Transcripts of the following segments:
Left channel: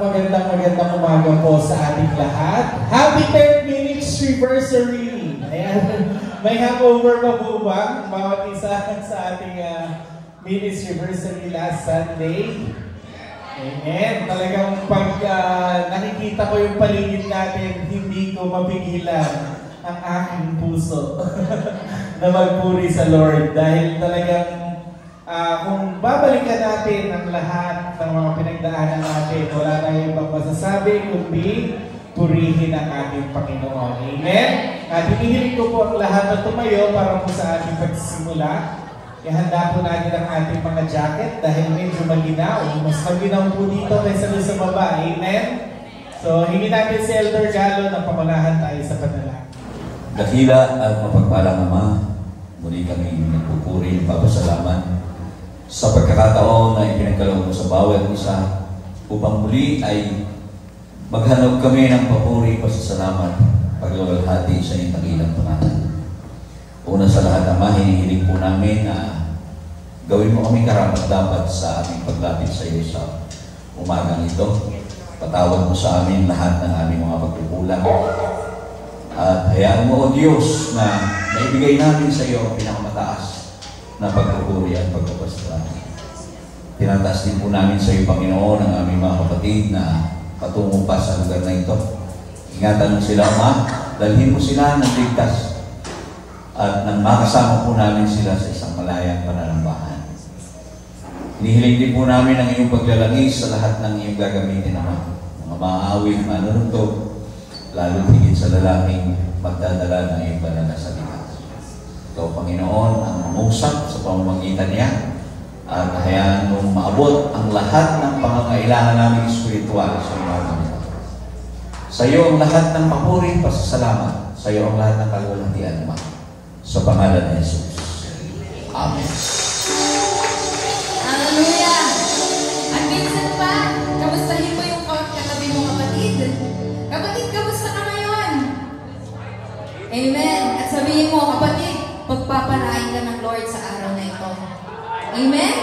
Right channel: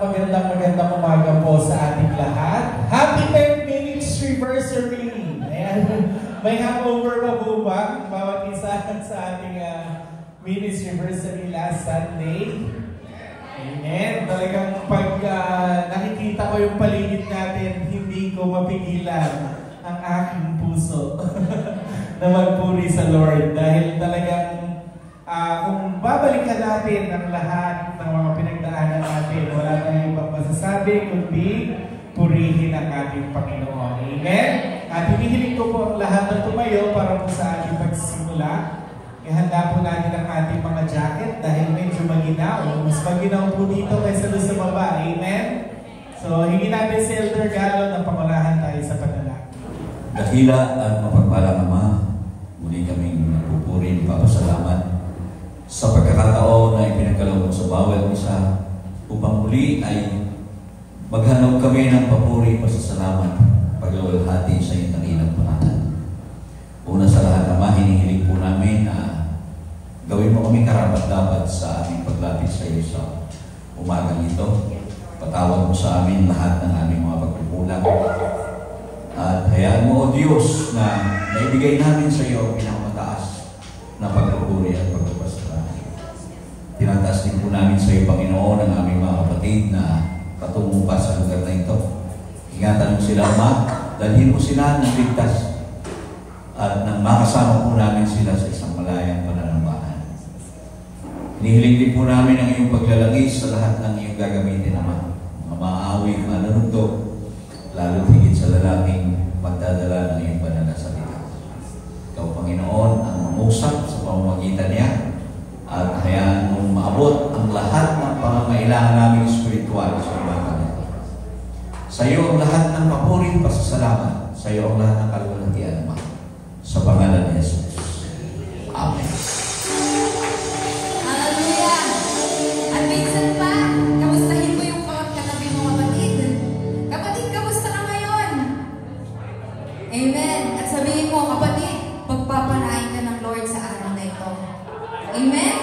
magandang umaga po sa ating lahat. Happy 10 minutes anniversary! Ayan, may hangover pa po ba? Bawat isa sa ating minutes anniversary last Sunday. Amen. Talagang pag nakikita ko yung paligid natin, hindi ko mapigilan ang aking puso na magpuri sa Lord. Dahil talagang kung babalikan natin ang lahat ng mga pinagdaanan natin, wala tayong ibang masasabi kundi purihin ang ating Panginoon. Amen? At hinihiling ko po ang lahat na tumayo para po sa ating pagsisimula. Ihanda po natin ang ating mga jacket dahil medyo maginaw. Mas maginaw po dito kaysa sa baba. Amen? So, hingin natin si Elder Galo na pamalahan tayo sa panalangin. Dakila at mapagpalang Ama, muli kaming nagpupuri, papasalamat sa pagkakataon na ipinagkaloob sa bawat isa upang muli ay maghanap kami ng papuri, pasasalamat, pagluwalhati sa iyong dakilang pangalan. Una sa lahat, Ama, hinihiling po namin na gawin mo kami karapat-dapat sa aming paglapit sa iyo sa umagang ito. Patawad mo sa amin lahat ng aming mga pagkukulang. At hayaan mo, O Diyos, na naibigay namin sa iyo ang pinakamataas na pagpupuri at pagpapasalamat. Tinataas din po namin sa iyo, Panginoon, ang aming mga kapatid na patungo pa sa lugar na ito. Ingatan mo sila, Ama, dalhin mo sila ng ligtas at nang makasama po namin sila sa isang malayang pananambahan. Hinihiling din po namin ang iyong paglalangis sa lahat ng iyong gagamitin, Ama. Mga maawit na nanundog, lalo higit sa lalaking magdadala ng iyong banal na salita. Ikaw, Panginoon, ang umusap sa pamamagitan niya at hayaan mong maabot ang lahat ng pangangailangan namin espiritual sa mga Panginoon. Sa iyo ang lahat ng papuri, pasasalamat. Sa iyo ang lahat ng kalwalhatian, Ama. Sa pangalan ni Jesus. Amen. Hallelujah! At minsan pa, kamustahin mo yung katabi mo, kapatid. Kapatid, kamusta ka ngayon? Amen. At sabihin mo, kapatid, pagpapalain ka ng Lord sa araw na ito. Amen?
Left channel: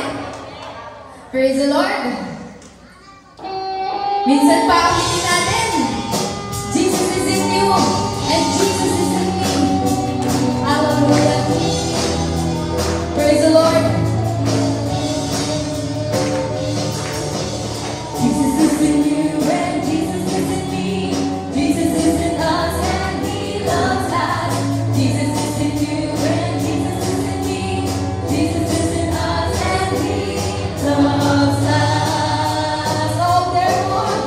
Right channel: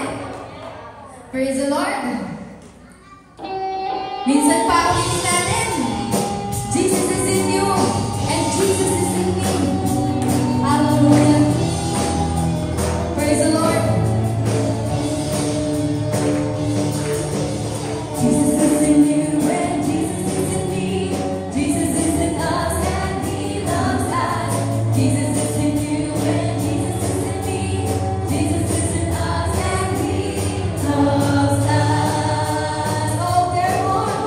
Praise the Lord. Minsan pa, ulitin natin. Jesus is in you, and Jesus is in me. Hallelujah. Praise the Lord. Jesus is in you, and Jesus is in me. Jesus is in us, and He loves us. Jesus is in you, and Jesus is in me. Jesus is in us, and He loves us. Oh, therefore,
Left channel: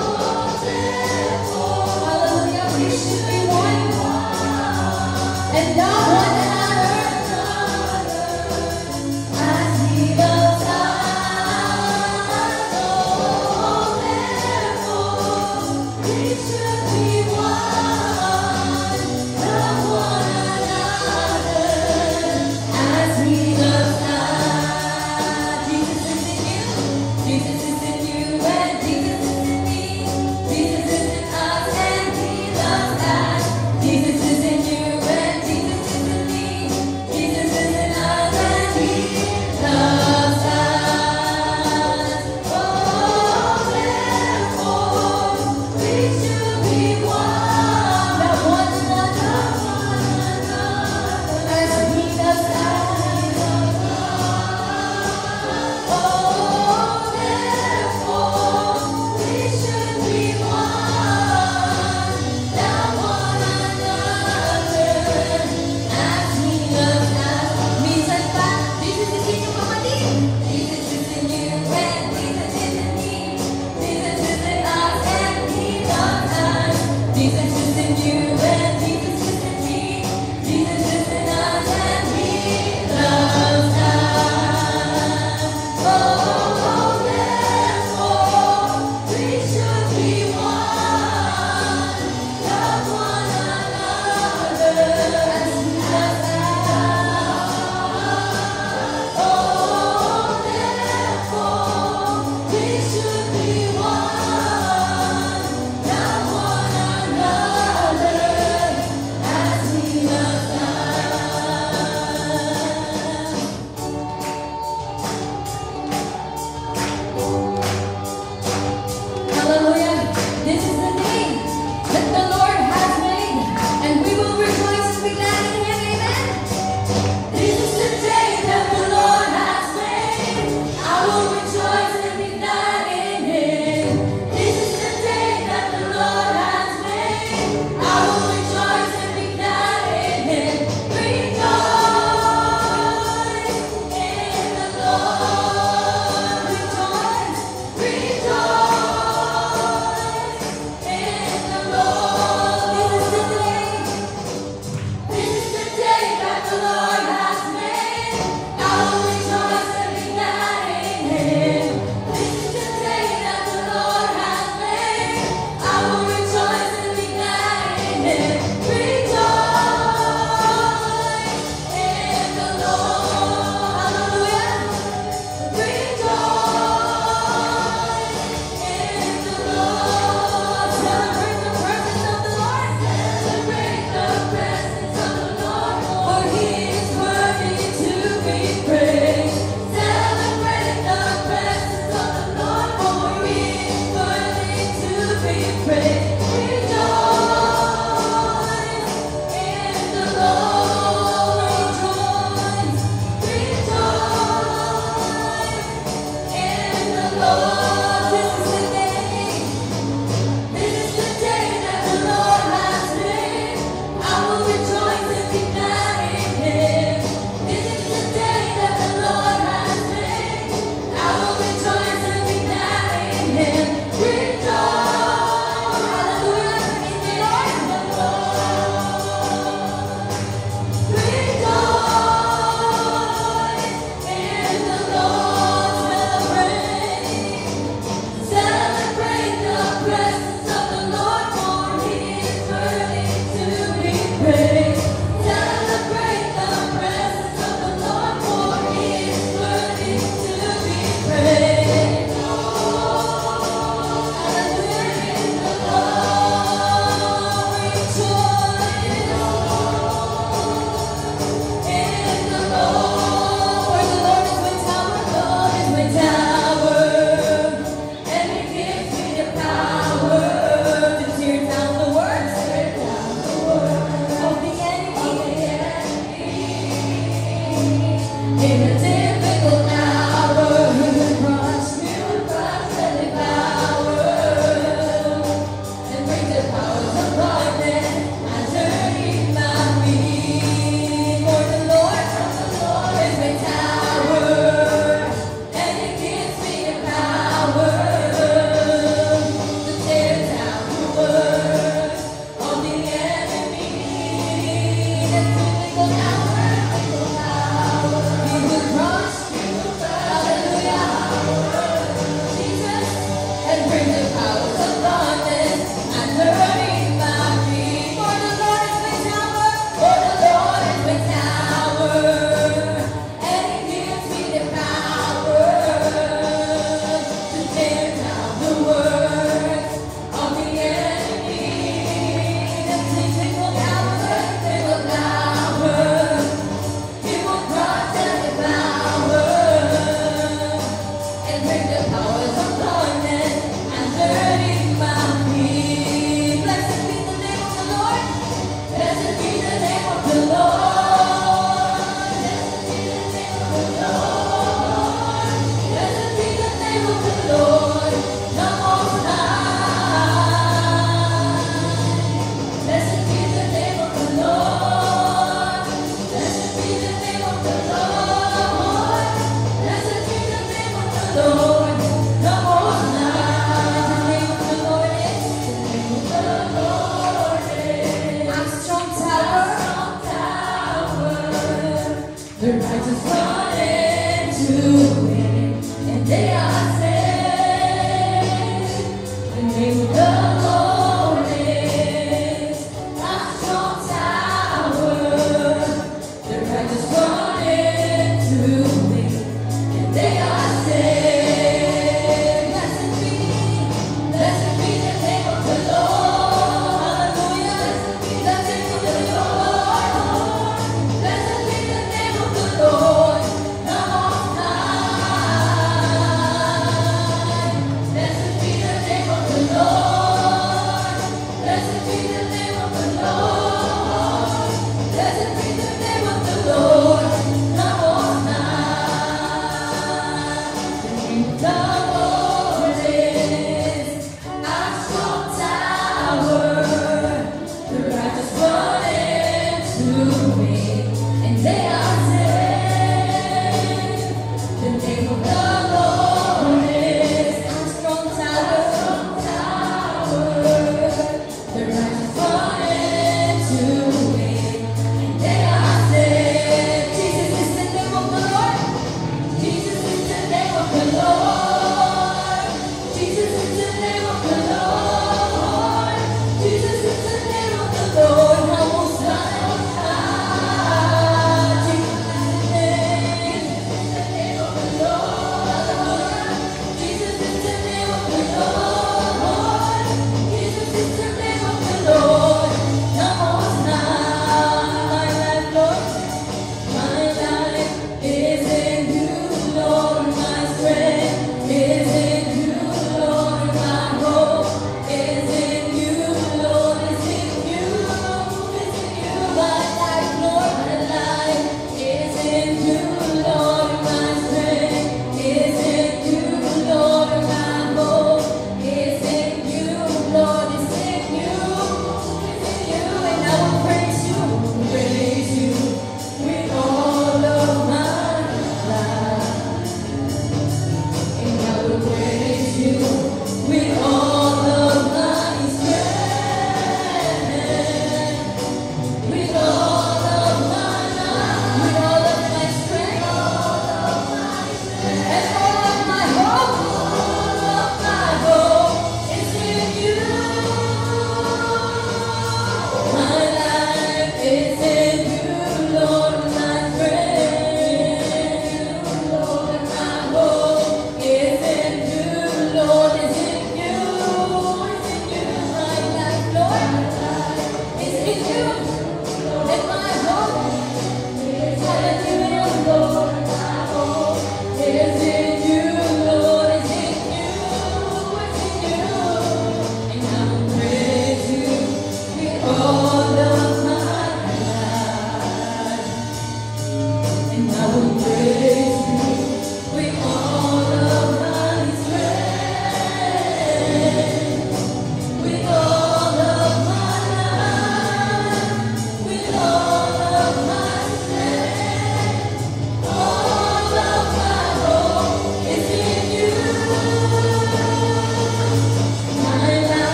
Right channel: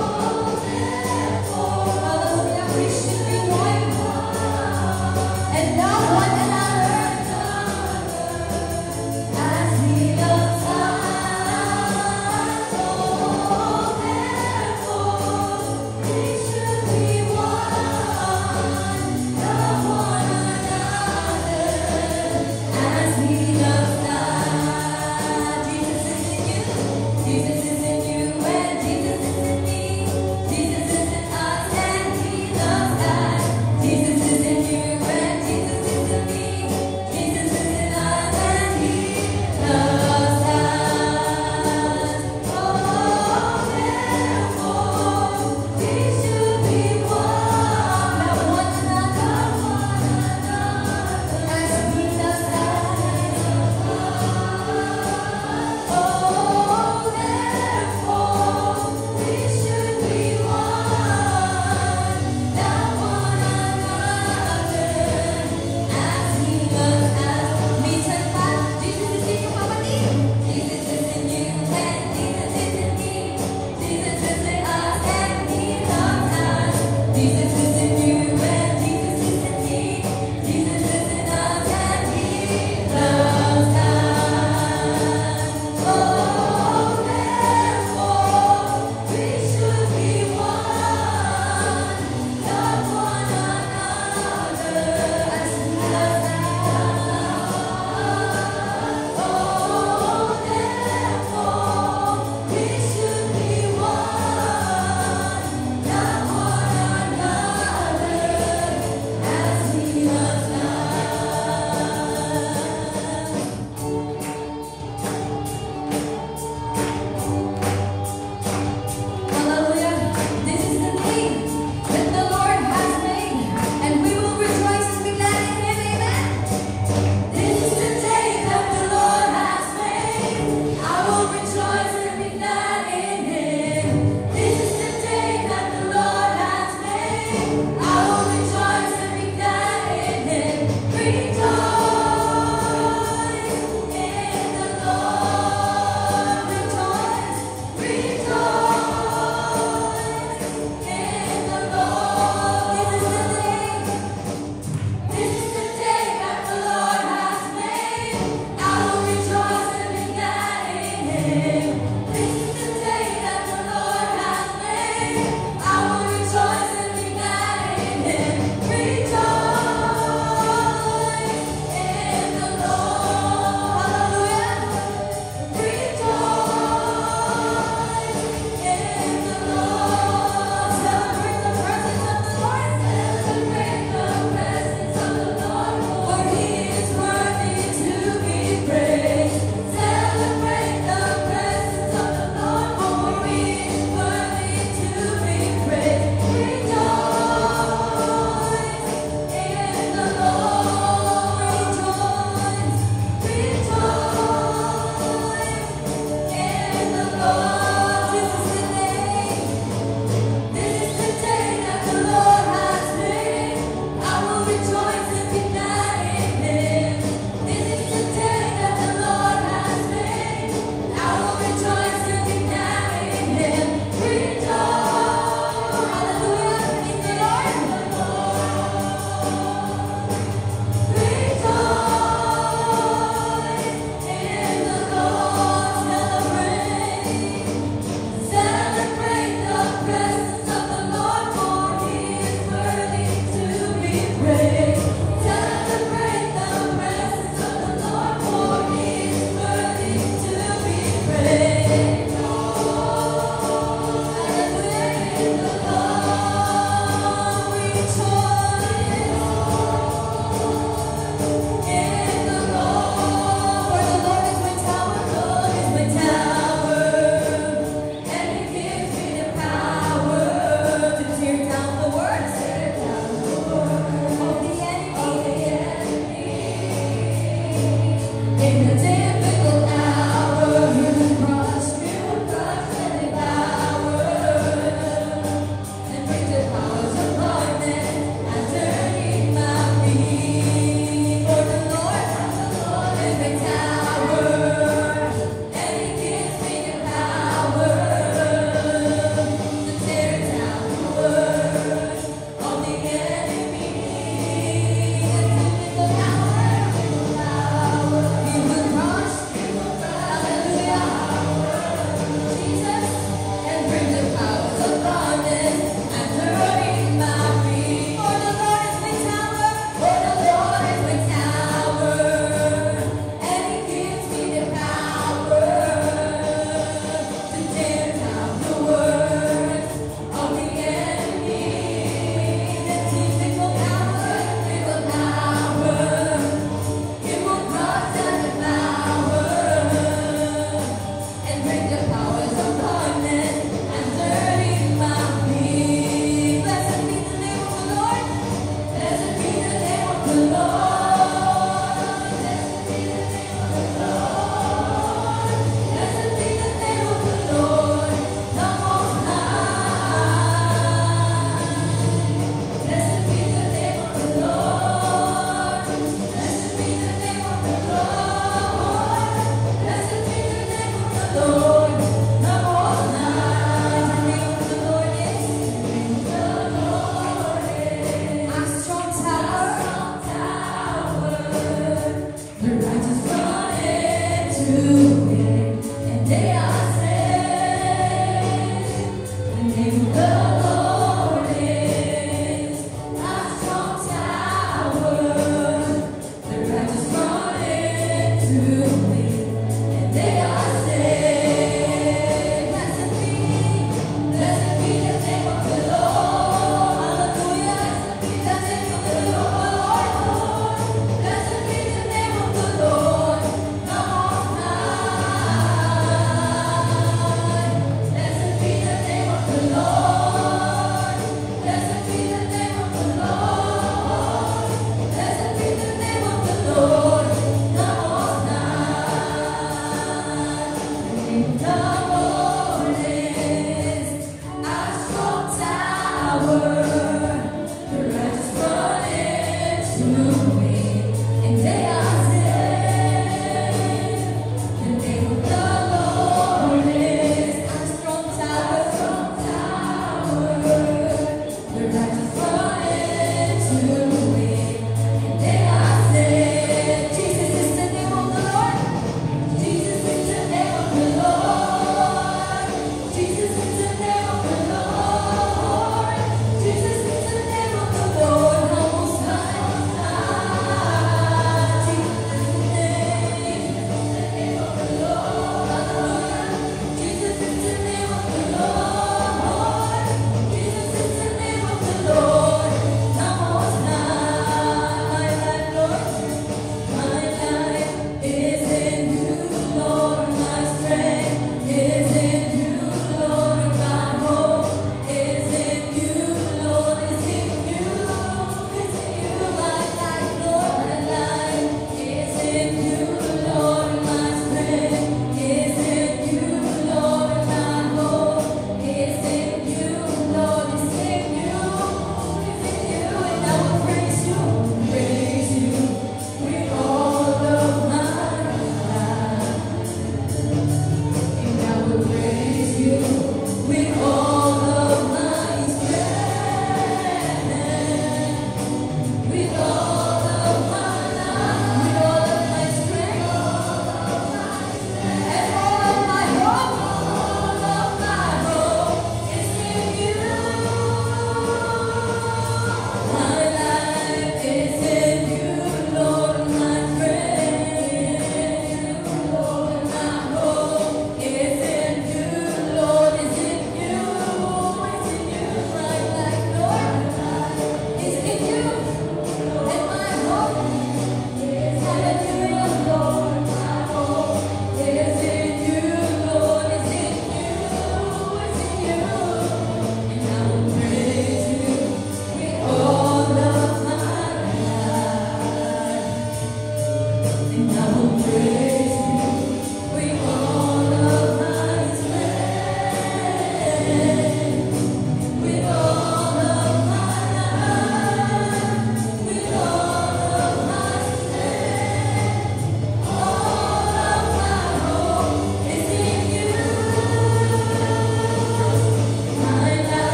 Lord.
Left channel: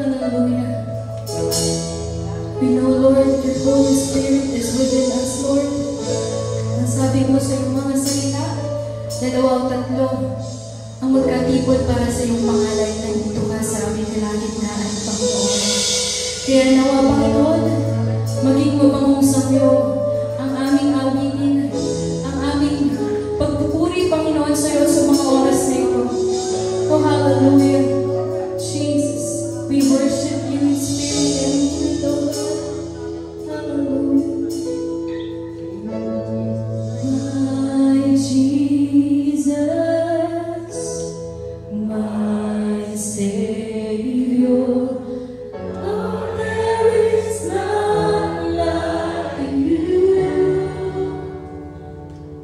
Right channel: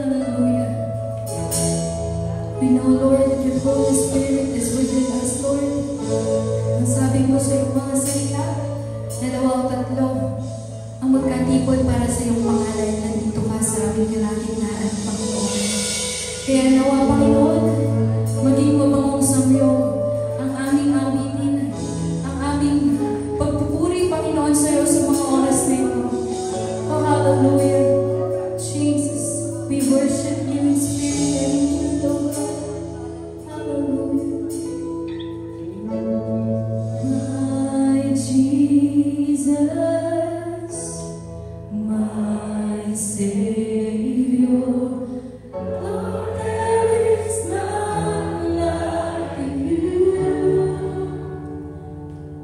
Hallelujah. We know, Lord, your Holy Spirit is within us, Lord. Ang sabi mo sa iyong mga salita, dalawa o tatlo ang magkatipon para sa iyong pangalan na dito ka sa aming pinagignaran, Panginoon. Kaya nawa, Panginoon, maging mabangong sa iyo ang aming awitin, ang aming pagpupuri, Panginoon, sa iyo sa mga oras na ito. Oh, hallelujah. Jesus, we worship you in spirit and in truth, O God. Hallelujah. My Jesus, my Savior, oh, there is none like you.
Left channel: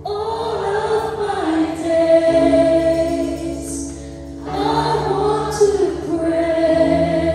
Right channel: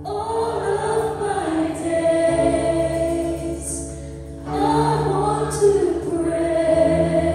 All of my days, I want to praise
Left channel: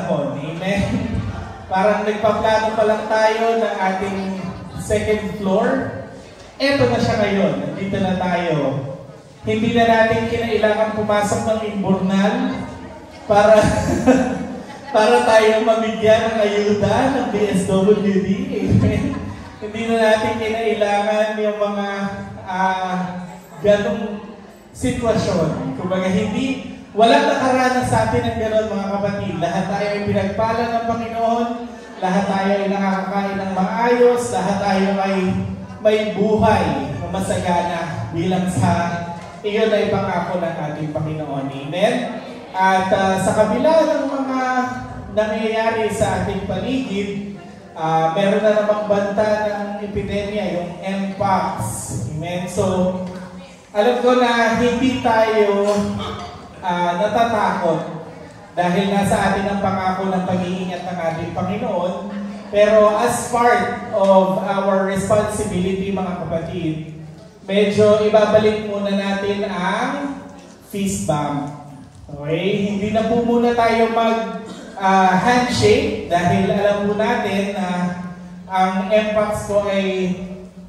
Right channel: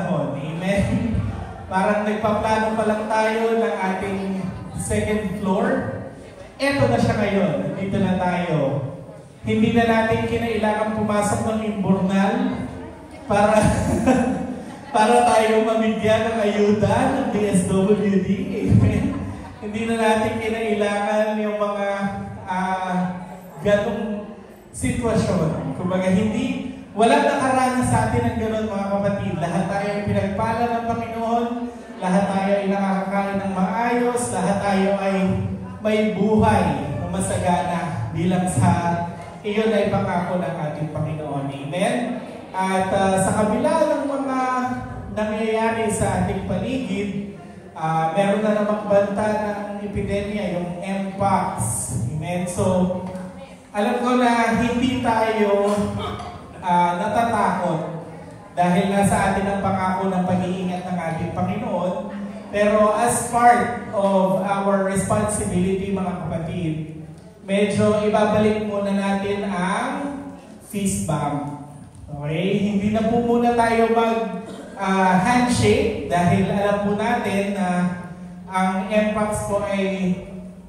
panahon. Amen? Parang nagpaplano pa lang tayo ng ating second floor. Eto na siya ngayon. Nandito na tayo. Hindi na natin kinailangan pumasok ng imburnal para para tayo mamigyan ng ayuda ng DSWD. Amen? Hindi na natin kinailangan yung mga ganong sitwasyon. Kumbaga, walang nakaranas sa atin ng gano'n, mga kapatid. Lahat tayo ay pinagpala ng Panginoon, lahat tayo ay nakakakain ng maayos, lahat tayo ay may buhay na masagana bilang sa iyon ay pangako ng ating Panginoon. Amen? At sa kabila ng mga nangyayari sa ating paligid, meron na namang banta ng epidemya, yung Mpox. Amen? So, alam ko na hindi tayo natatakot dahil nasa atin ang pangako ng pag-iingat ng ating Panginoon. Pero as part of our responsibility, mga kapatid, medyo ibabalik muna natin ang fist bump. Okay? Hindi na po muna tayo handshake dahil alam po natin na ang Mpox po ay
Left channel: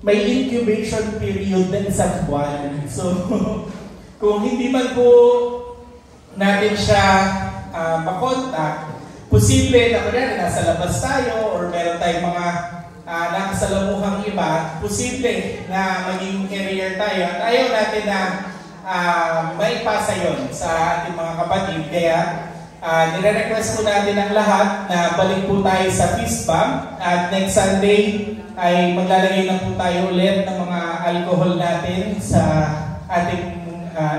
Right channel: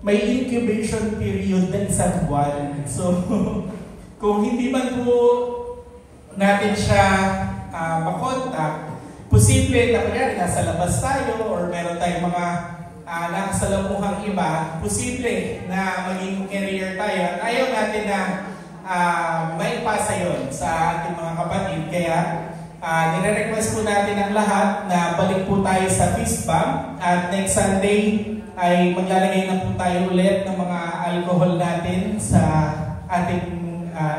may incubation period na isang buwan. So, kung hindi man po natin siya makontak, posible na kaya nasa labas tayo or meron tayong mga nakasalamuhang iba, posible na maging carrier tayo. At ayaw natin na maipasa yon sa ating mga kapatid. Kaya nire-request po natin ang lahat na balik po tayo sa fist bump. At next Sunday ay maglalagay na po tayo ulit ng mga alcohol natin sa ating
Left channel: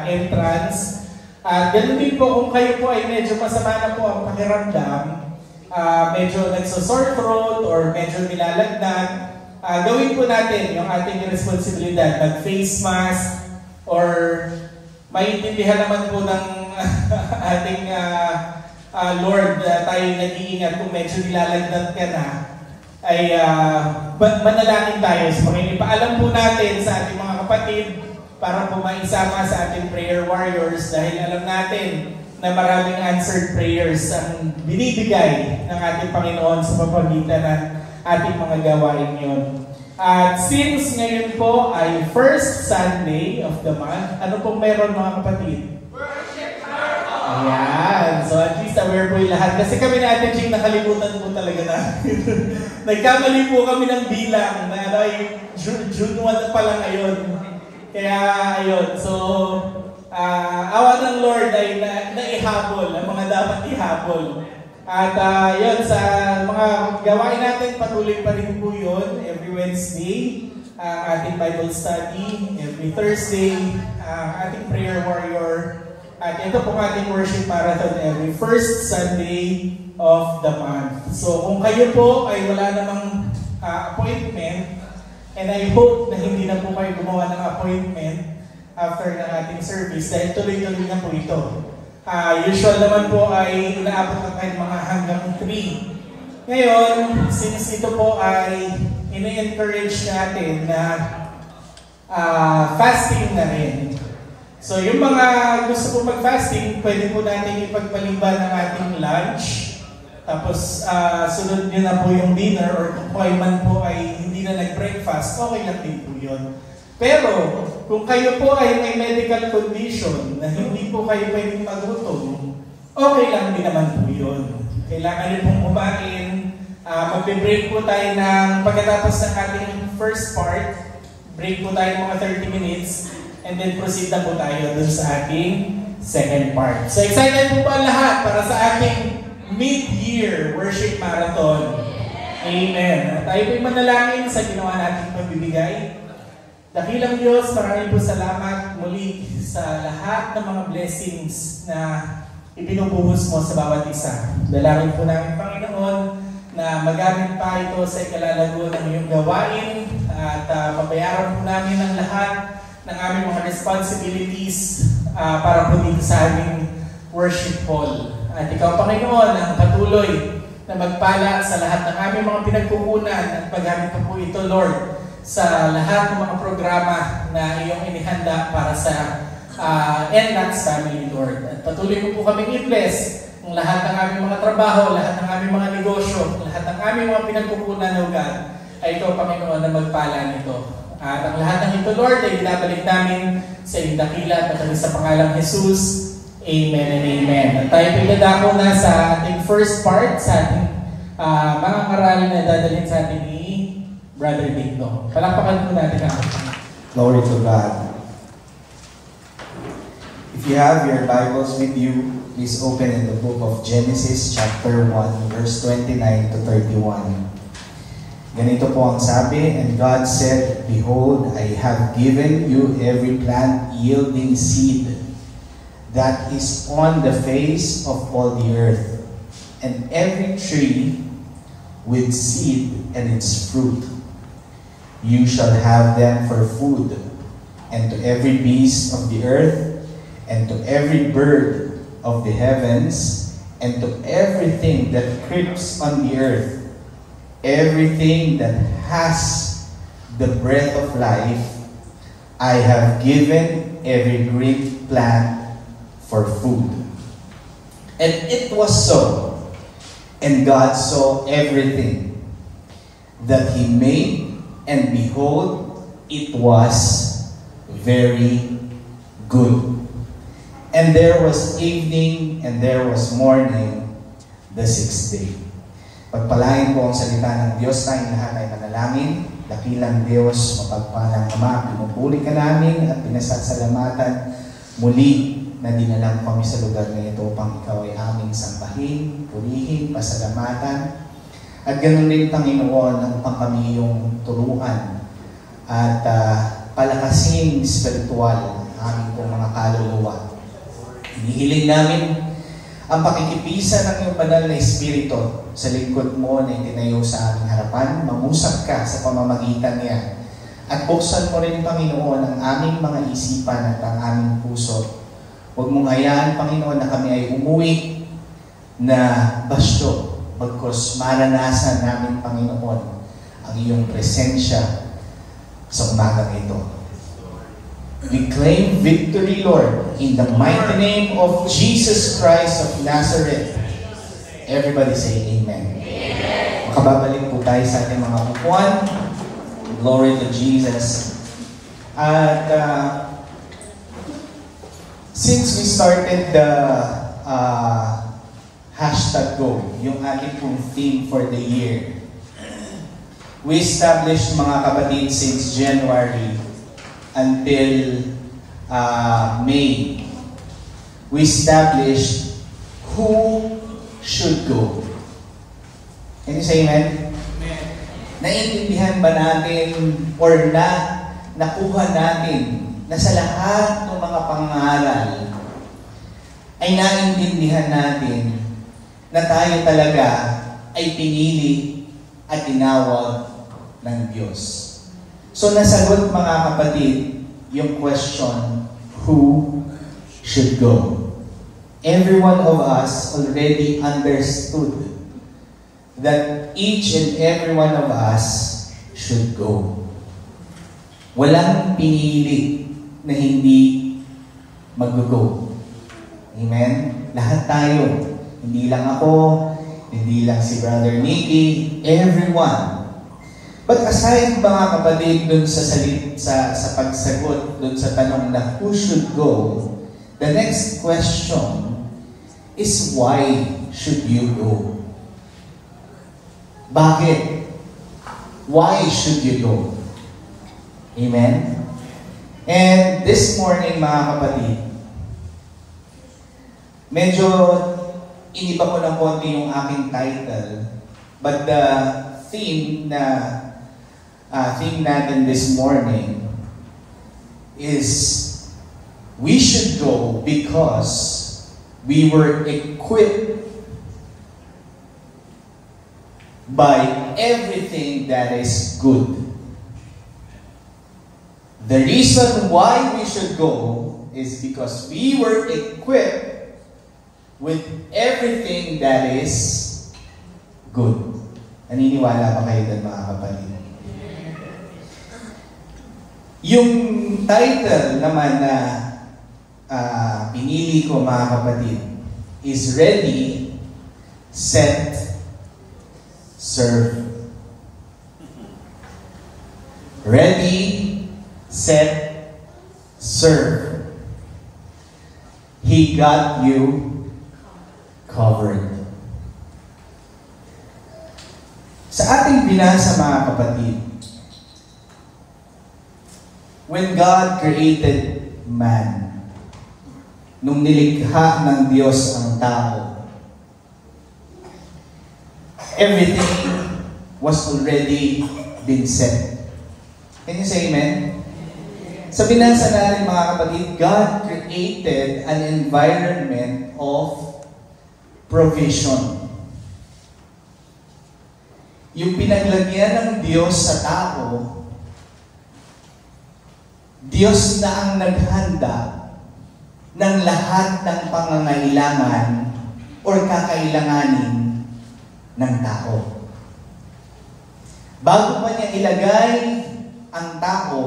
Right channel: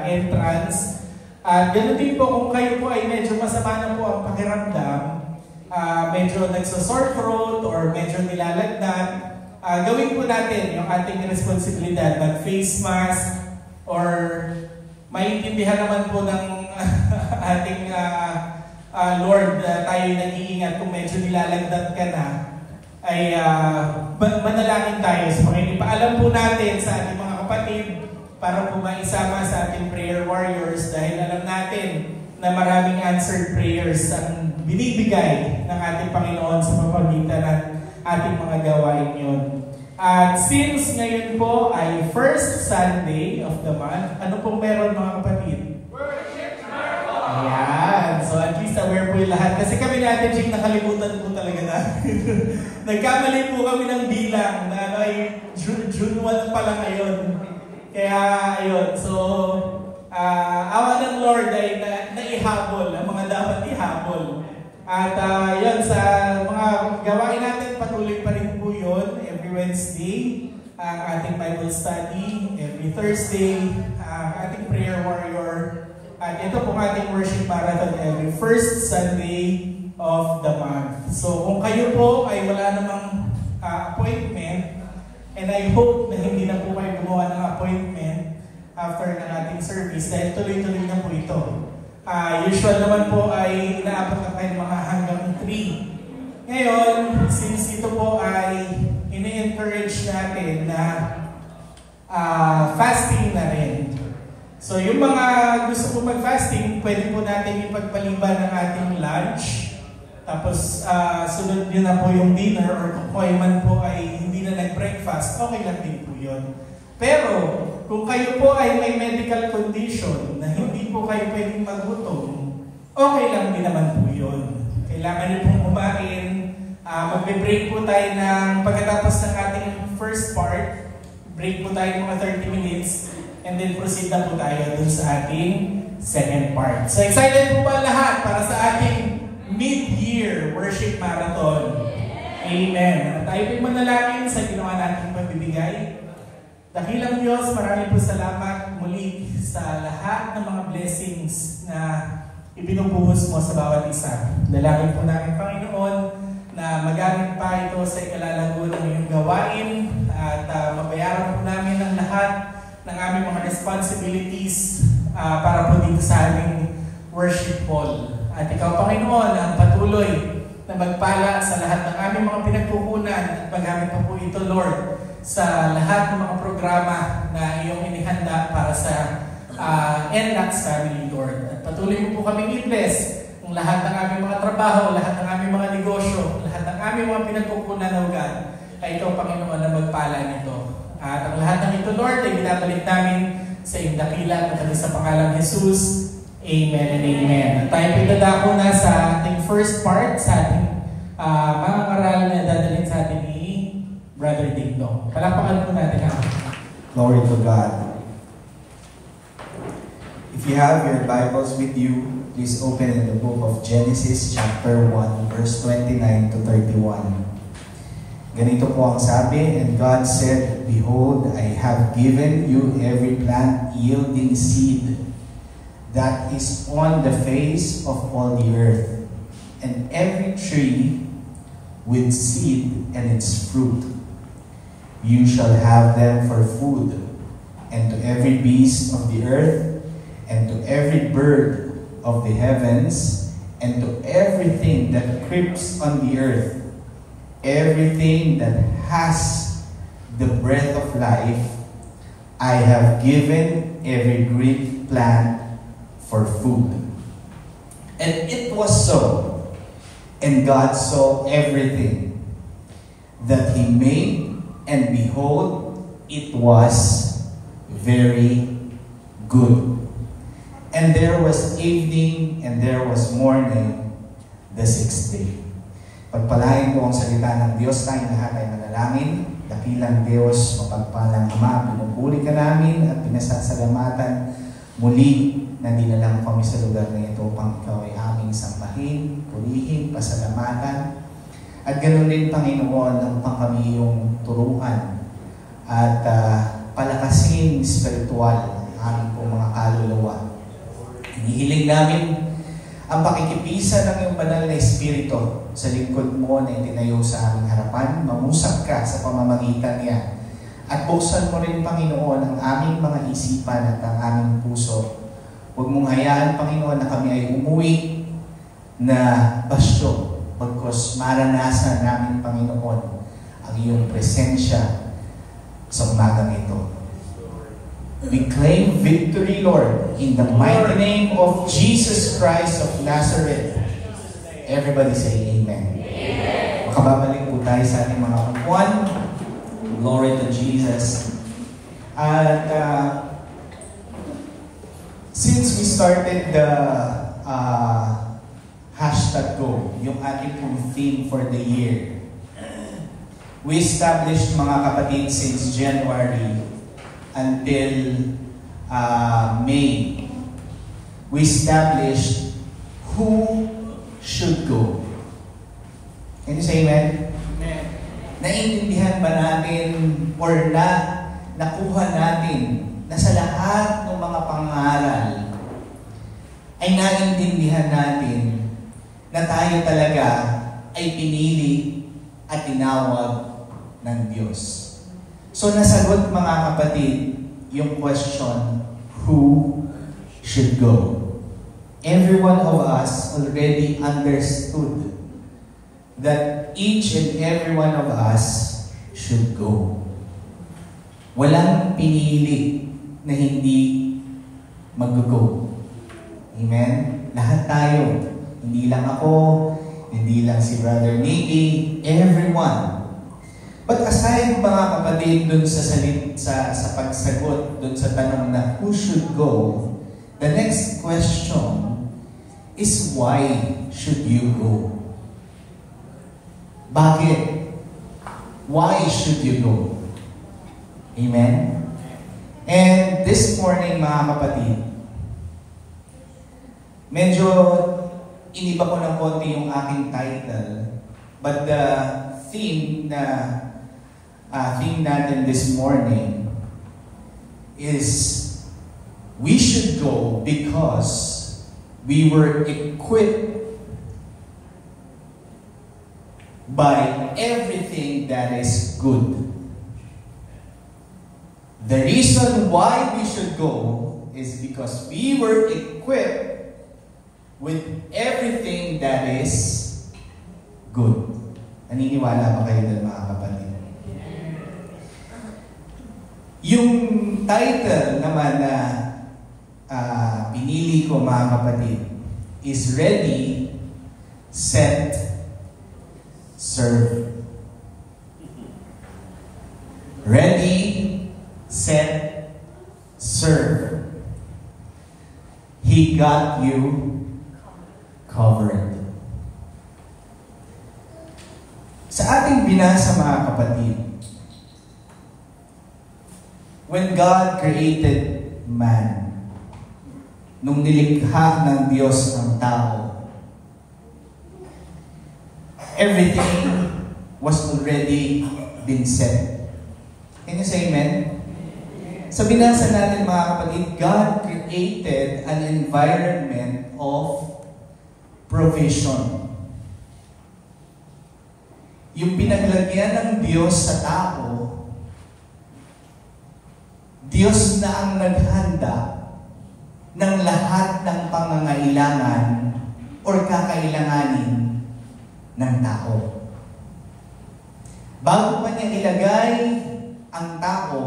entrance. At ganoon din po kung kayo po ay medyo masama na po ang pakiramdam, medyo nagso-sore throat or medyo nilalagnat, gawin po natin yung ating responsibilidad, mag-face mask or maintindihan naman po ng ating Lord, tayo nag-iingat kung medyo nilalagnat ka na, ay manalangin tayo sa Panginoon. Ipaalam po natin sa ating mga kapatid para po maisama sa ating prayer warriors dahil alam natin na maraming answered prayers ang binibigay ng ating Panginoon sa pamamagitan ng ating mga gawain ngayon. At since ngayon po ay first Sunday of the month, ano pong meron, mga kapatid? Ayan. So at least aware po yung lahat. Kasi kami natin, Jing, nakalimutan po talaga natin. Nagkamali po kami ng bilang na ay June 1 pa lang ngayon. Kaya ayun. So, awa ng Lord ay naihabol ang mga dapat ihabol. At yun, sa mga gawain natin, patuloy pa rin po yun. Every Wednesday, ating Bible study. Every Thursday, ating prayer warrior. At ito pong ating worship marathon every first Sunday of the month. So kung kayo po ay wala namang appointment, and I hope na hindi na po kayo gumawa ng appointment after ng ating service, dahil tuloy-tuloy na po ito. Usual naman po ay inaabot lang kayo mga hanggang 3. Ngayon, since ito po ay ini-encourage natin na fasting na rin. So yung mga gusto po mag-fasting, pwede po natin ipagpaliban ng ating lunch. Tapos sunod din na po yung dinner or kung kayo man po ay hindi na nag-breakfast, okay lang din po yun. Pero kung kayo po ay may medical condition na hindi po kayo pwedeng magluto, okay lang din naman po yun. Kailangan nyo pong kumain. Magbe-break po tayo ng pagkatapos ng ating first part. Break po tayo mga 30 minutes. And then proceed na po tayo dun sa ating second part. So excited po ba lahat para sa ating mid-year worship marathon? Amen. At tayo po'y manalangin sa ginawa nating pagbibigay. Dakilang Diyos, maraming po salamat muli sa lahat ng mga blessings na ibinubuhos mo sa bawat isa. Dalangin po namin, Panginoon, na magamit pa ito sa ikalalago ng iyong gawain at mabayaran po namin ang lahat ng aming mga responsibilities para po dito sa aming worship hall. At ikaw, Panginoon, ang patuloy na magpala sa lahat ng aming mga pinagkukunan at magamit po ito, Lord, sa lahat ng mga programa na iyong inihanda para sa NLATS family, Lord. At patuloy mo po kaming i-bless ang lahat ng aming mga trabaho, lahat ng aming mga negosyo, lahat ng aming mga pinagkukunan na lugar, ay ito, Panginoon, na magpala nito. At ang lahat ng ito, Lord, ay binabalik namin sa iyong dakila at matalis sa pangalang Jesus. Amen and amen. At tayo pagdadako na sa ating first part, sa ating mga karali na dadalhin sa ating ni Brother Dito. Palakpakan po natin ako. Glory to God. If you have your Bibles with you, please open in the book of Genesis chapter 1, verse 29 to 31. Ganito po ang sabi, and God said, Behold, I have given you every plant yielding seed that is on the face of all the earth, and every tree with seed and its fruit. You shall have them for food, and to every beast of the earth, and to every bird of the heavens, and to everything that creeps on the earth, everything that has the breath of life, I have given every green plant for food. And it was so. And God saw everything that He made, and behold, it was very good. And there was evening, and there was morning, the sixth day. Pagpalain po ang salita ng Diyos, tayong lahat ay manalangin. Dakilang Diyos, mapagpalang Ama, pinupuri ka namin at pinasasalamatan muli na dinala mo kami sa lugar na ito upang ikaw ay aming sambahin, purihin, pasalamatan. At ganoon din, Panginoon, upang kami yung turuan at palakasin spiritual ang aming pong mga kaluluwa. Hinihiling namin ang pakikipisa ng iyong banal na Espiritu sa lingkod mo na itinayo sa aming harapan. Mamusap ka sa pamamagitan niya. At buksan mo rin, Panginoon, ang aming mga isipan at ang aming puso. Huwag mong hayaan, Panginoon, na kami ay umuwi na basyo. Bagkus maranasan namin, Panginoon, ang iyong presensya sa umagang ito. We claim victory, Lord, in the mighty name of Jesus Christ of Nazareth. Everybody say Amen. Amen. Makababalik po tayo sa ating mga upuan. Glory to Jesus. At since we started the hashtag Go, yung ating pong theme for the year, we established, mga kapatid, since January until May, we established who should go. Can you say amen? Amen. Naiintindihan ba natin or nakuha natin na sa lahat ng mga pangaral ay naiintindihan natin na tayo talaga ay pinili at tinawag ng Diyos? So nasagot, mga kapatid, yung question, who should go? Every one of us already understood that each and every one of us should go. Walang pinili na hindi mag-go. Amen? Lahat tayo. Hindi lang ako, hindi lang si Brother Nicky, everyone. But aside, mga kapatid, dun sa pagsagot dun sa tanong na who should go, the next question is why should you go? Bakit? Why should you go? Amen? And this morning, mga kapatid, medyo iniba ko ng konti yung aking title, but the theme natin this morning is we should go because we were equipped by everything that is good. The reason why we should go is because we were equipped with everything that is good. Naniniwala ba kayo doon, mga kapatid? Yung title naman na pinili ko, mga kapatid, is Ready set, serve. Ready, set, serve. He got you covered. Sa ating binasa, mga kapatid, when God created man, nung nilikha ng Diyos ang tao, everything was already been set. Can you say amen? Sa binasa natin, mga kapatid, God created an environment of provision. Yung pinaglagyan ng Diyos sa tao, Diyos na ang naghanda ng lahat ng pangangailangan o kakailanganin ng tao. Bago pa niya ilagay ang tao,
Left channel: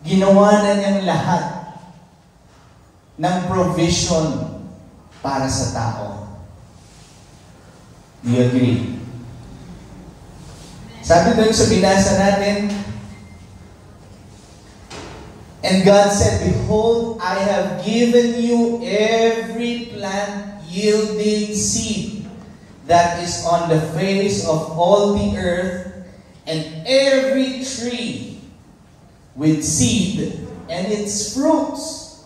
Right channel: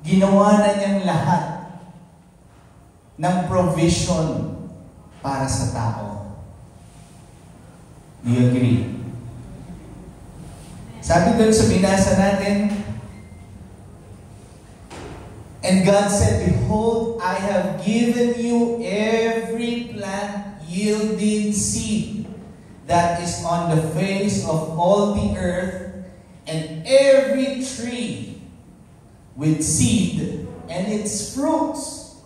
ginawa na niyang lahat ng provision para sa tao. Do you agree? Sabi doon sa binasa natin, and God said, behold, I have given you every plant yielding seed that is on the face of all the earth, and every tree with seed and its fruits.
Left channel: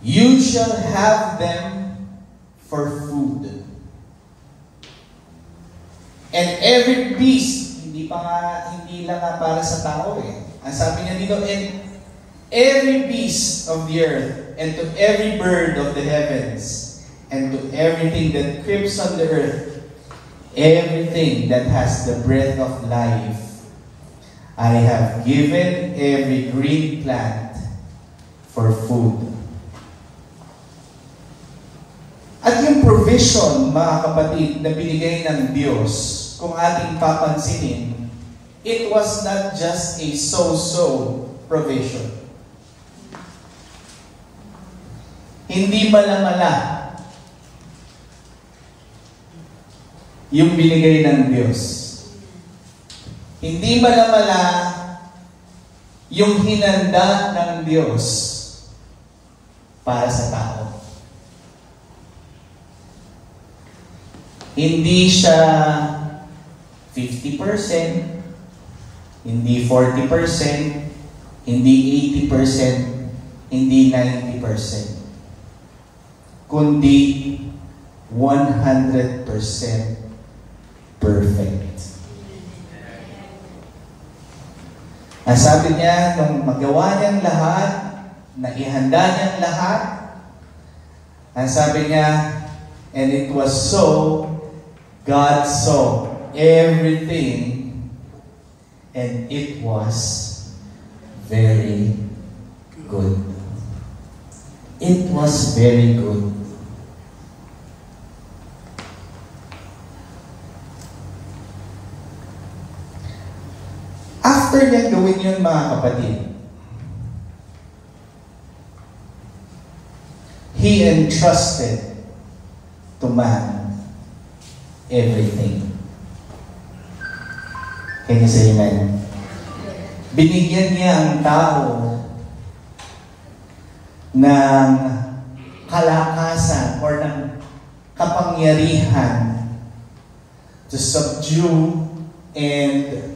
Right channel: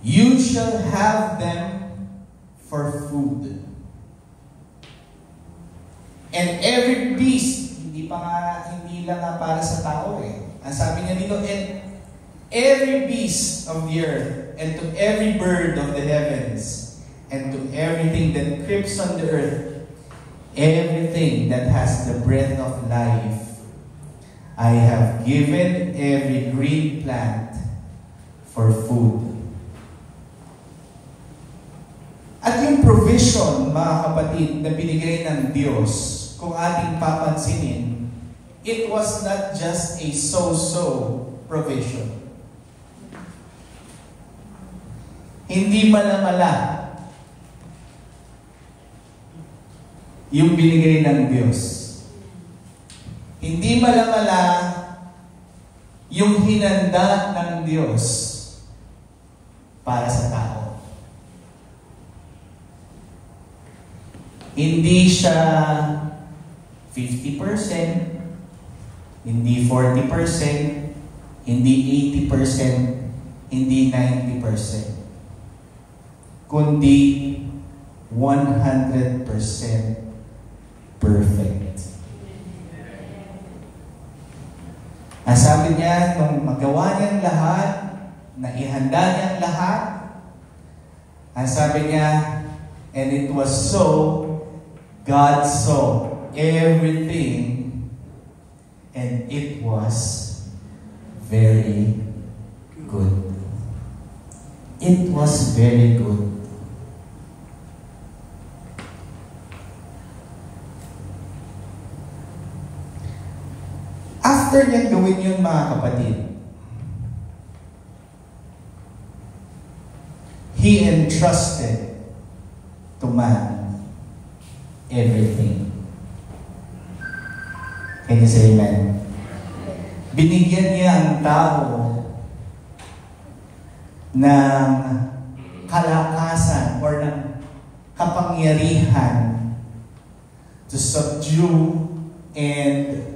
You shall have them for food. And every beast, hindi lang nga para sa tao eh. Ang sabi niya dito, and every beast of the earth, and to every bird of the heavens, and to everything that creeps on the earth, everything that has the breath of life, I have given every green plant for food. At yung provision, mga kapatid, na binigay ng Diyos, kung ating papansinin, it was not just a so-so provision. Hindi mala-mala yung binigay ng Diyos. Hindi mala-mala yung hinanda ng Diyos para sa tao. Hindi siya 50%, hindi 40%, hindi 80%, hindi 90%, kundi 100% perfect. Nasabi niya, nung magawa niyang lahat, naihanda niyang lahat, nasabi niya, and it was so, God saw everything, and it was very good. It was very good. After niya gawin yun, mga kapatid, He entrusted to man everything. Can you say amen? Binigyan niya ang tao ng kalakasan or ng kapangyarihan to subdue and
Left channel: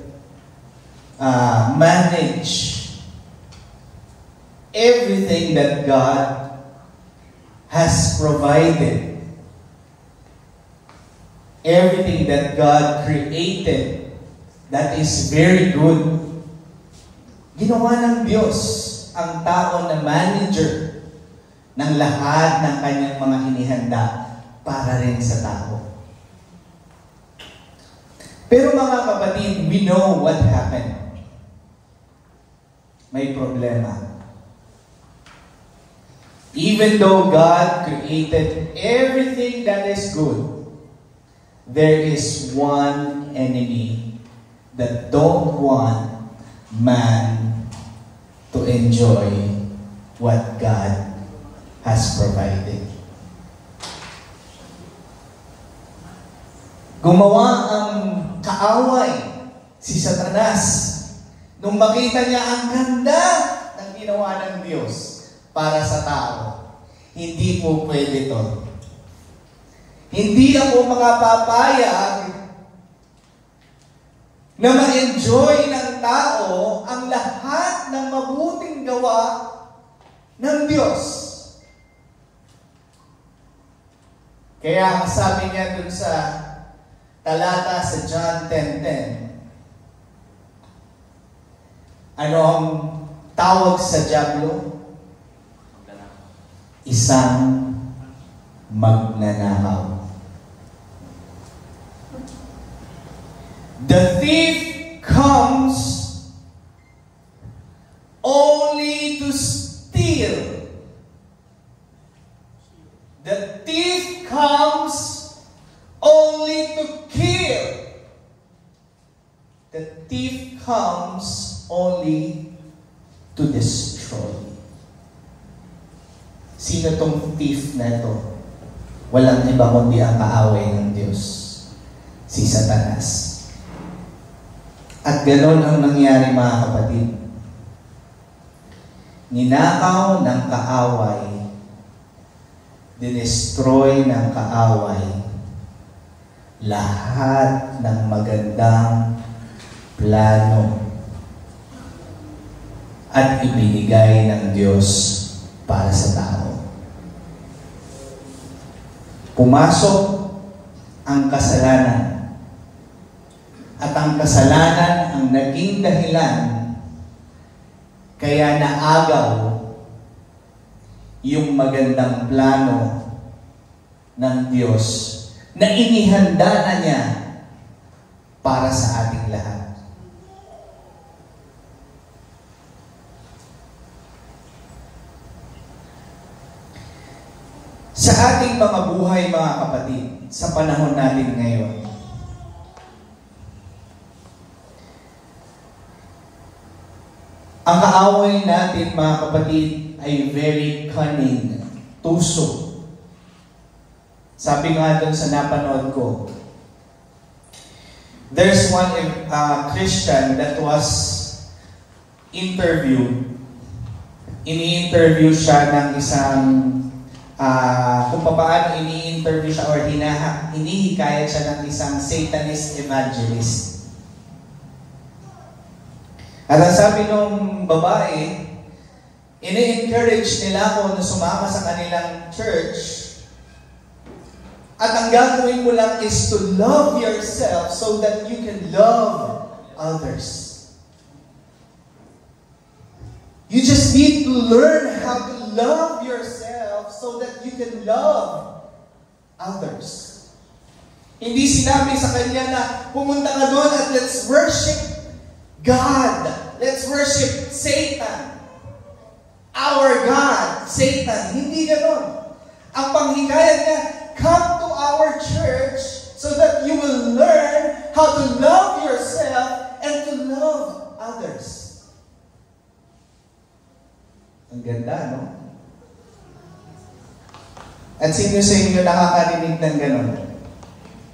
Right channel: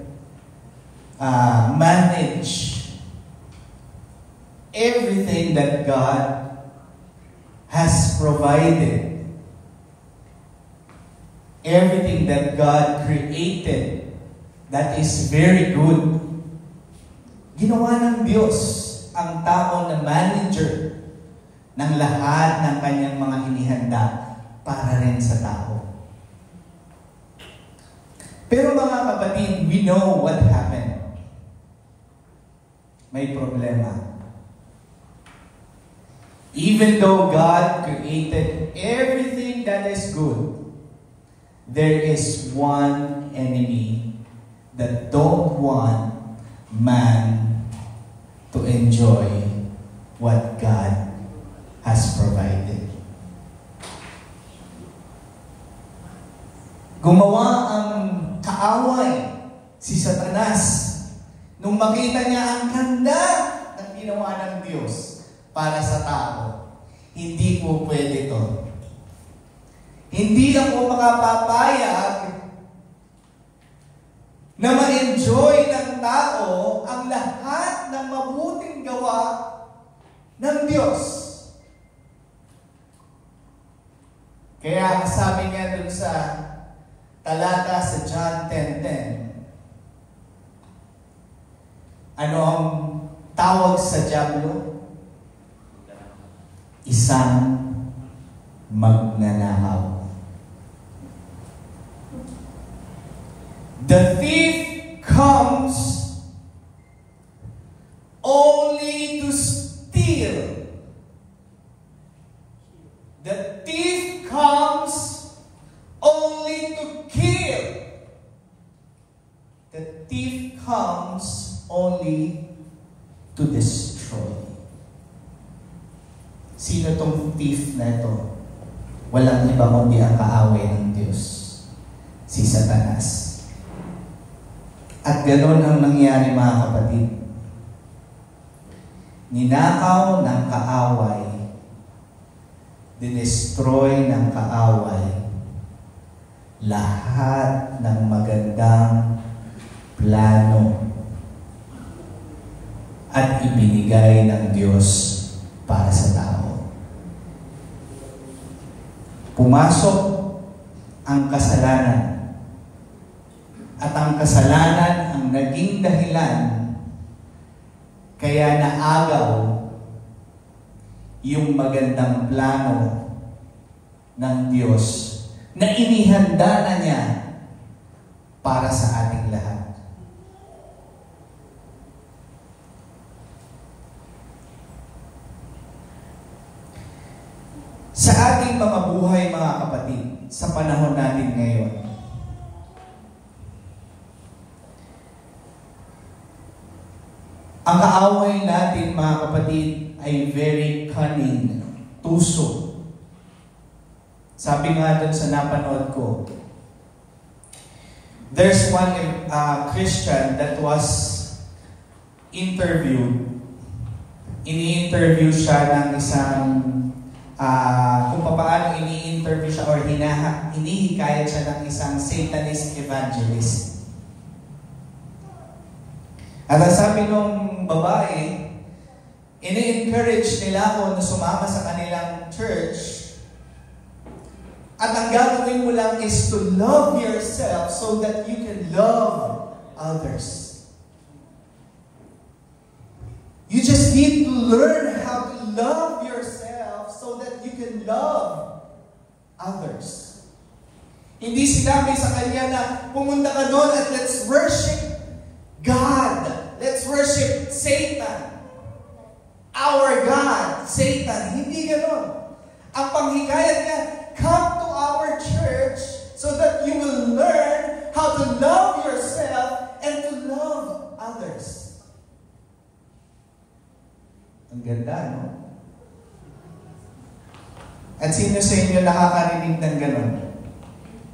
manage everything that God has provided, everything that God created that is very good. Ginawa ng Diyos ang tao na manager ng lahat ng kanyang mga inihanda para rin sa tao. Pero mga kapatid, we know what happened. May problema. Even though God created everything that is good, there is one enemy that don't want man to enjoy what God has provided. Gumawa ang kaaway si Satanas nung makita niya ang ganda ng ginawa ng Diyos para sa tao. Hindi po pwede to. Hindi ako makapapayag na ma-enjoy ng tao ang lahat ng mabuting gawa ng Diyos. Kaya ang sabi niya dun sa talata sa John 10:10, ano ang tawag sa dyablo? Isang magnanakaw. The thief comes only to steal. The thief comes only to kill. The thief comes only to destroy. Sino tong thief na ito? Walang iba kundi ang kaaway ng Diyos, si Satanas. At ganoon ang nangyari, mga kapatid. Ninakaw ng kaaway, dinestroy ng kaaway lahat ng magandang plano at ibinigay ng Diyos para sa tao. Pumasok ang kasalanan. At ang kasalanan ang naging dahilan kaya naagaw yung magandang plano ng Diyos na inihanda na niya para sa ating lahat. Sa ating mga buhay, mga kapatid, sa panahon natin ngayon, ang kaaway natin, mga kapatid, ay very cunning, tuso. Sabi nga doon sa napanood ko, there's one Christian that was interviewed. Ini-interview siya ng isang, kung paano ini-interview siya or hinihikayat siya ng isang Satanist evangelist. At ang sabi nung babae, ini-encourage nila ako na sumama sa kanilang church. At ang gagawin mo lang is to love yourself so that you can love others. You just need to learn how to love yourself so that you can love others. Hindi sinabi sa kanya na pumunta ka doon at let's worship God. Let's worship Satan. Our God, Satan. Hindi gano'n. Ang panghikayat niya, come to our church so that you will learn how to love yourself and to love others. Ang ganda, no? At sino sa inyo nakakarinig ng gano'n?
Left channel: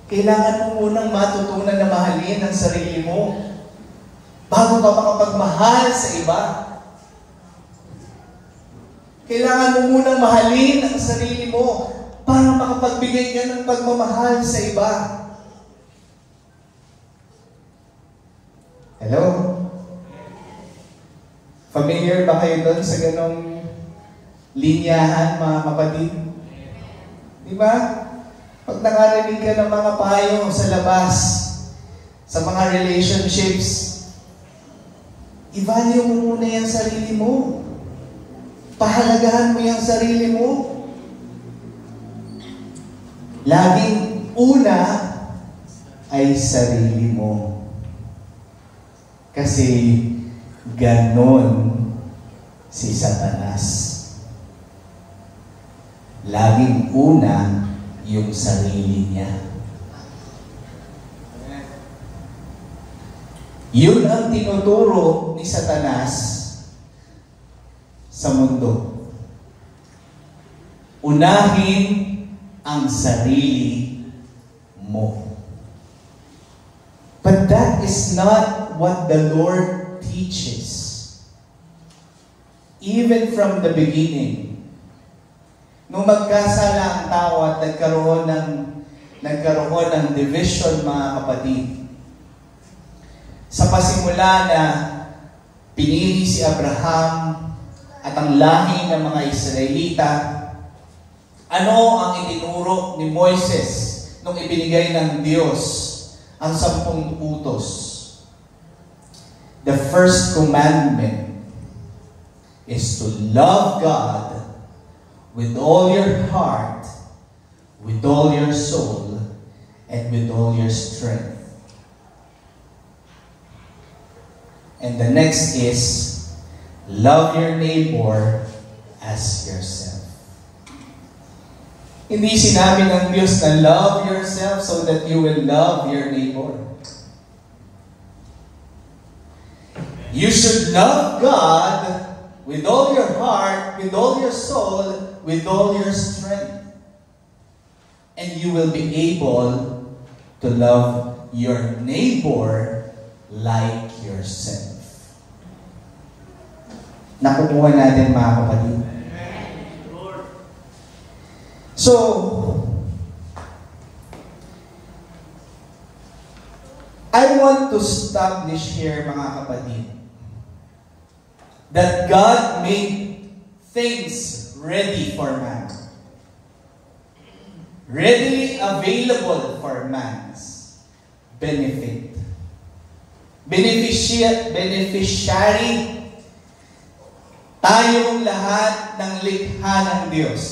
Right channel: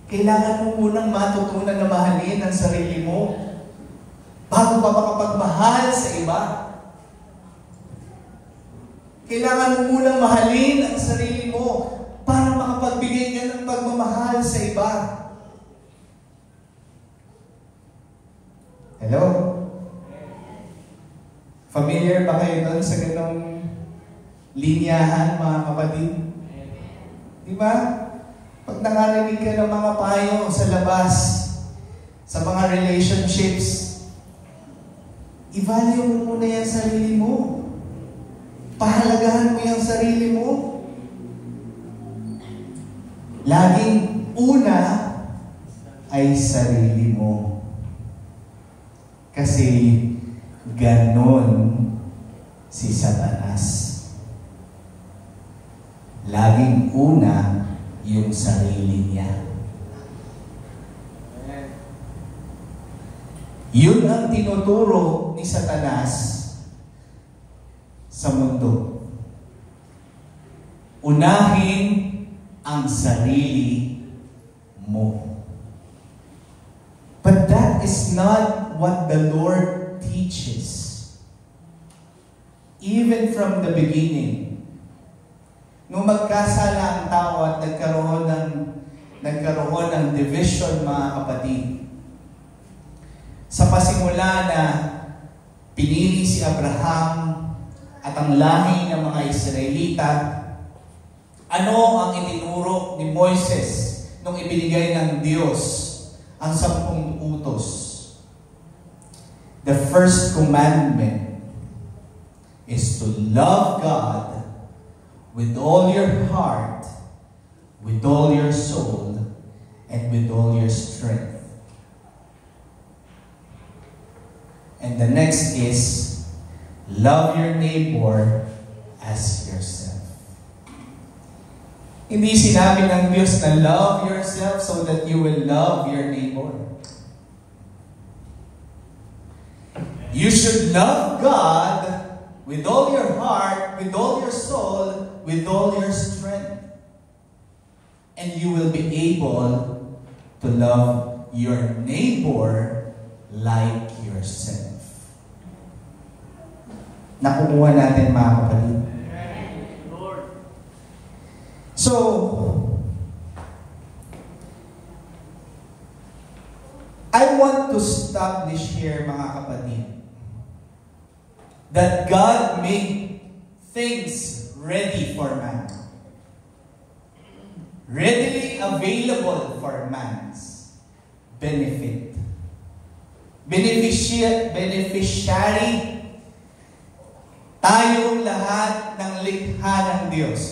Kailangan mo munang matutunan na mahalin ang sarili mo bago ka makapagmahal sa iba. Kailangan mo muna mahalin ang sarili mo para makapagbigay ka ng pagmamahal sa iba. Hello? Familiar ba kayo doon sa ganong linyahan, mga kapatid? Di ba? Pag nakarinig ka ng mga payo sa labas, sa mga relationships, i-value mo muna yung sarili mo. Pahalagahan mo yung sarili mo. Laging una ay sarili mo. Kasi ganon si Satanas. Laging una yung sarili niya. Yun ang tinuturo ni Satanas sa mundo. Unahin ang sarili mo. But that is not what the Lord teaches. Even from the beginning, nung magkasala ang tao at nagkaroon ng division, mga kapatid, sa pasimula na pinili si Abraham at ang lahi ng mga Israelita, ano ang itinuro ni Moises nung ibinigay ng Diyos ang 10 utos? The first commandment is to love God with all your heart, with all your soul, and with all your strength. And the next is, love your neighbor as yourself. Hindi sinabi ng Diyos na love yourself so that you will love your neighbor. You should love God with all your heart, with all your soul, with all your strength. And you will be able to love your neighbor like yourself. Nakukuha natin, mga kapatid. So, I want to establish here, mga kapatid, that God made things ready for man. Readily available for man's benefit. Beneficiary tayong lahat ng likha ng Diyos.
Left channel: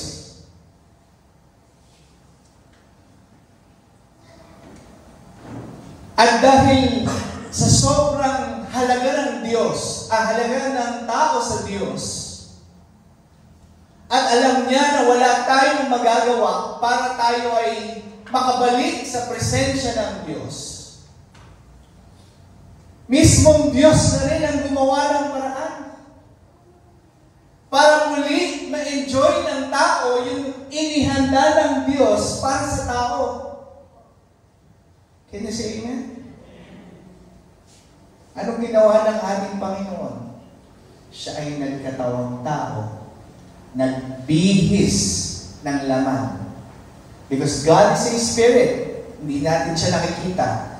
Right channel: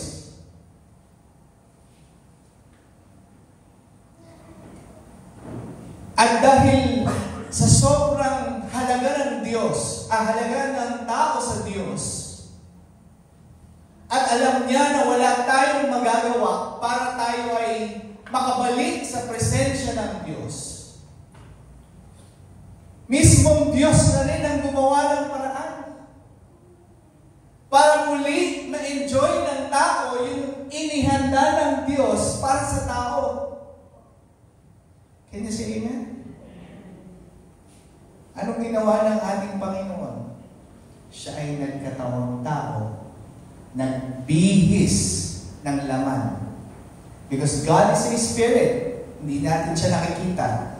At dahil sa sobrang halaga ng Diyos, halaga ng tao sa Diyos, at alam niya na wala tayong magagawa para tayo ay makabalik sa presensya ng Diyos, mismong Diyos na rin ang gumawa ng paraan para muli ma-enjoy ng tao yung inihanda ng Diyos para sa tao. Can you say amen? Anong ginawa ng ating Panginoon? Siya ay nagkatawang tao, nagbihis ng laman. Because God is a spirit, hindi natin siya nakikita.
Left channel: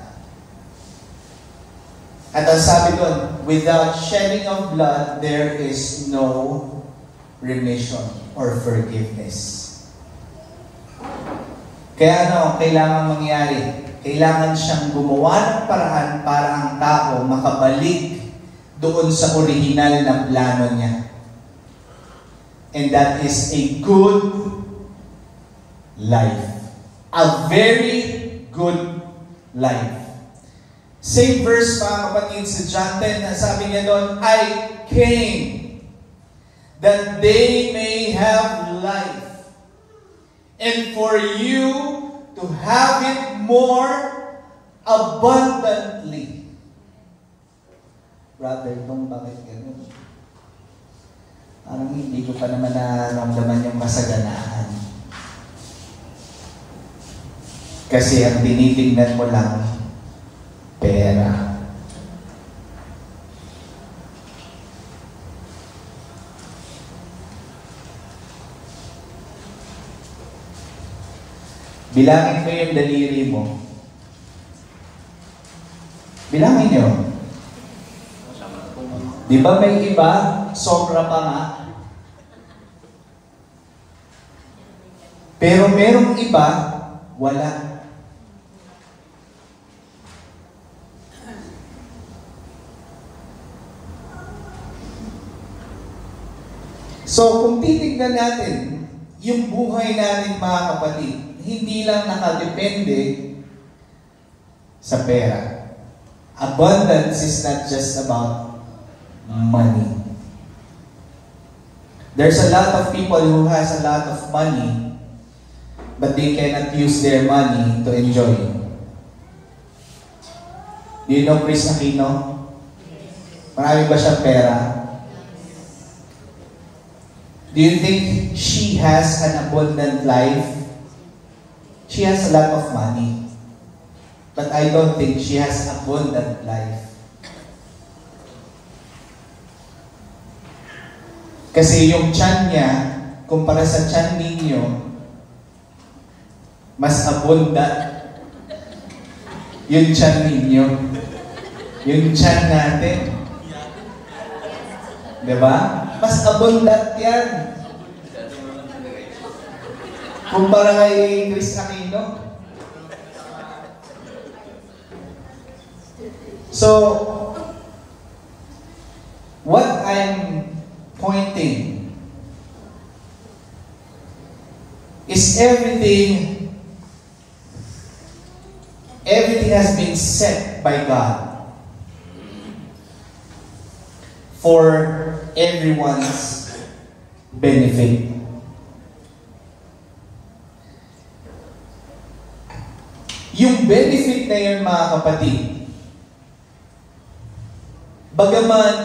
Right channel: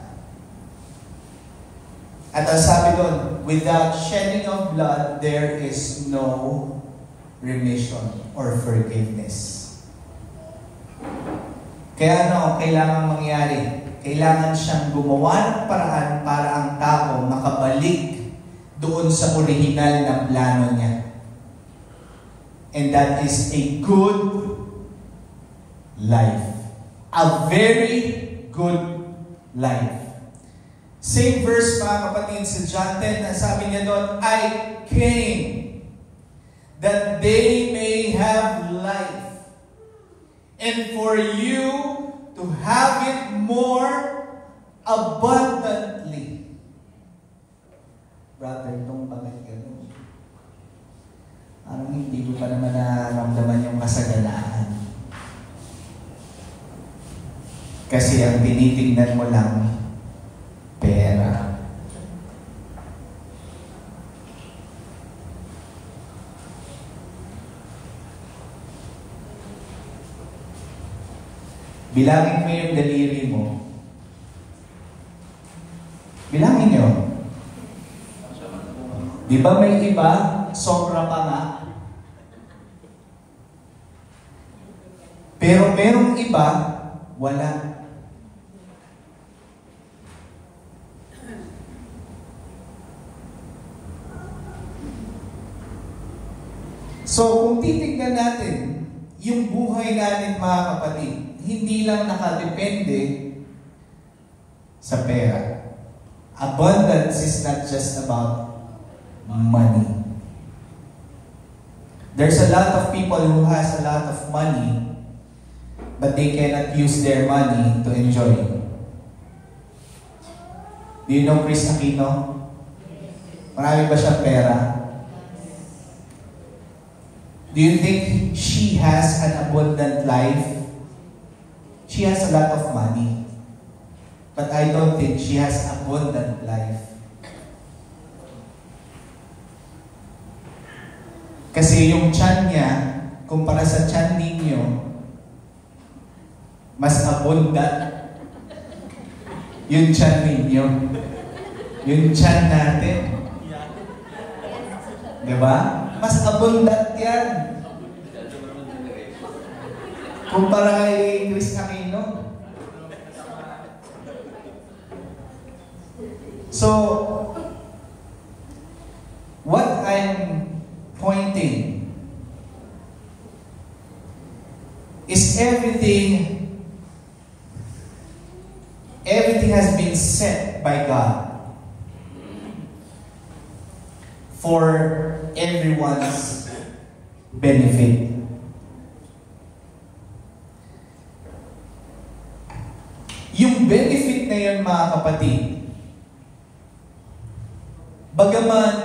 At ang sabi doon, without shedding of blood, there is no remission or forgiveness. Kaya ano, kailangan mangyari? Kailangan siyang gumawa ng paraan para ang tao makabalik doon sa original na plano niya. And that is a good life. A very good life. Same verse, mga kapatid, sa John 10, na sabi niya doon, I came that they may have life, and for you to have it more abundantly. Brother, itong bakit gano'n? Parang hindi ko pa naman nararamdaman yung kasaganaan. Kasi ang tinitingnan mo lang, pera. Bilangin mo yung daliri mo. Bilangin nyo. Di ba may iba, sobra pa nga? Pero merong iba, wala. So, kung titignan natin, yung buhay natin, mga kapatid, hindi lang nakadepende sa pera. Abundance is not just about money. There's a lot of people who has a lot of money, but they cannot use their money to enjoy. Do you know Chris Aquino? Marami ba siyang pera? Do you think she has an abundant life? She has a lot of money. But I don't think she has abundant life. Kasi yung tiyan niya, kumpara sa tiyan ninyo, mas abundant yung tiyan ninyo. Yung tiyan natin. Diba? Mas abundant yan. Kumpara kay Chris Aquino. So, what I'm pointing is everything has been set by God for everyone's benefit. Yung benefit na yun, mga kapatid, bagaman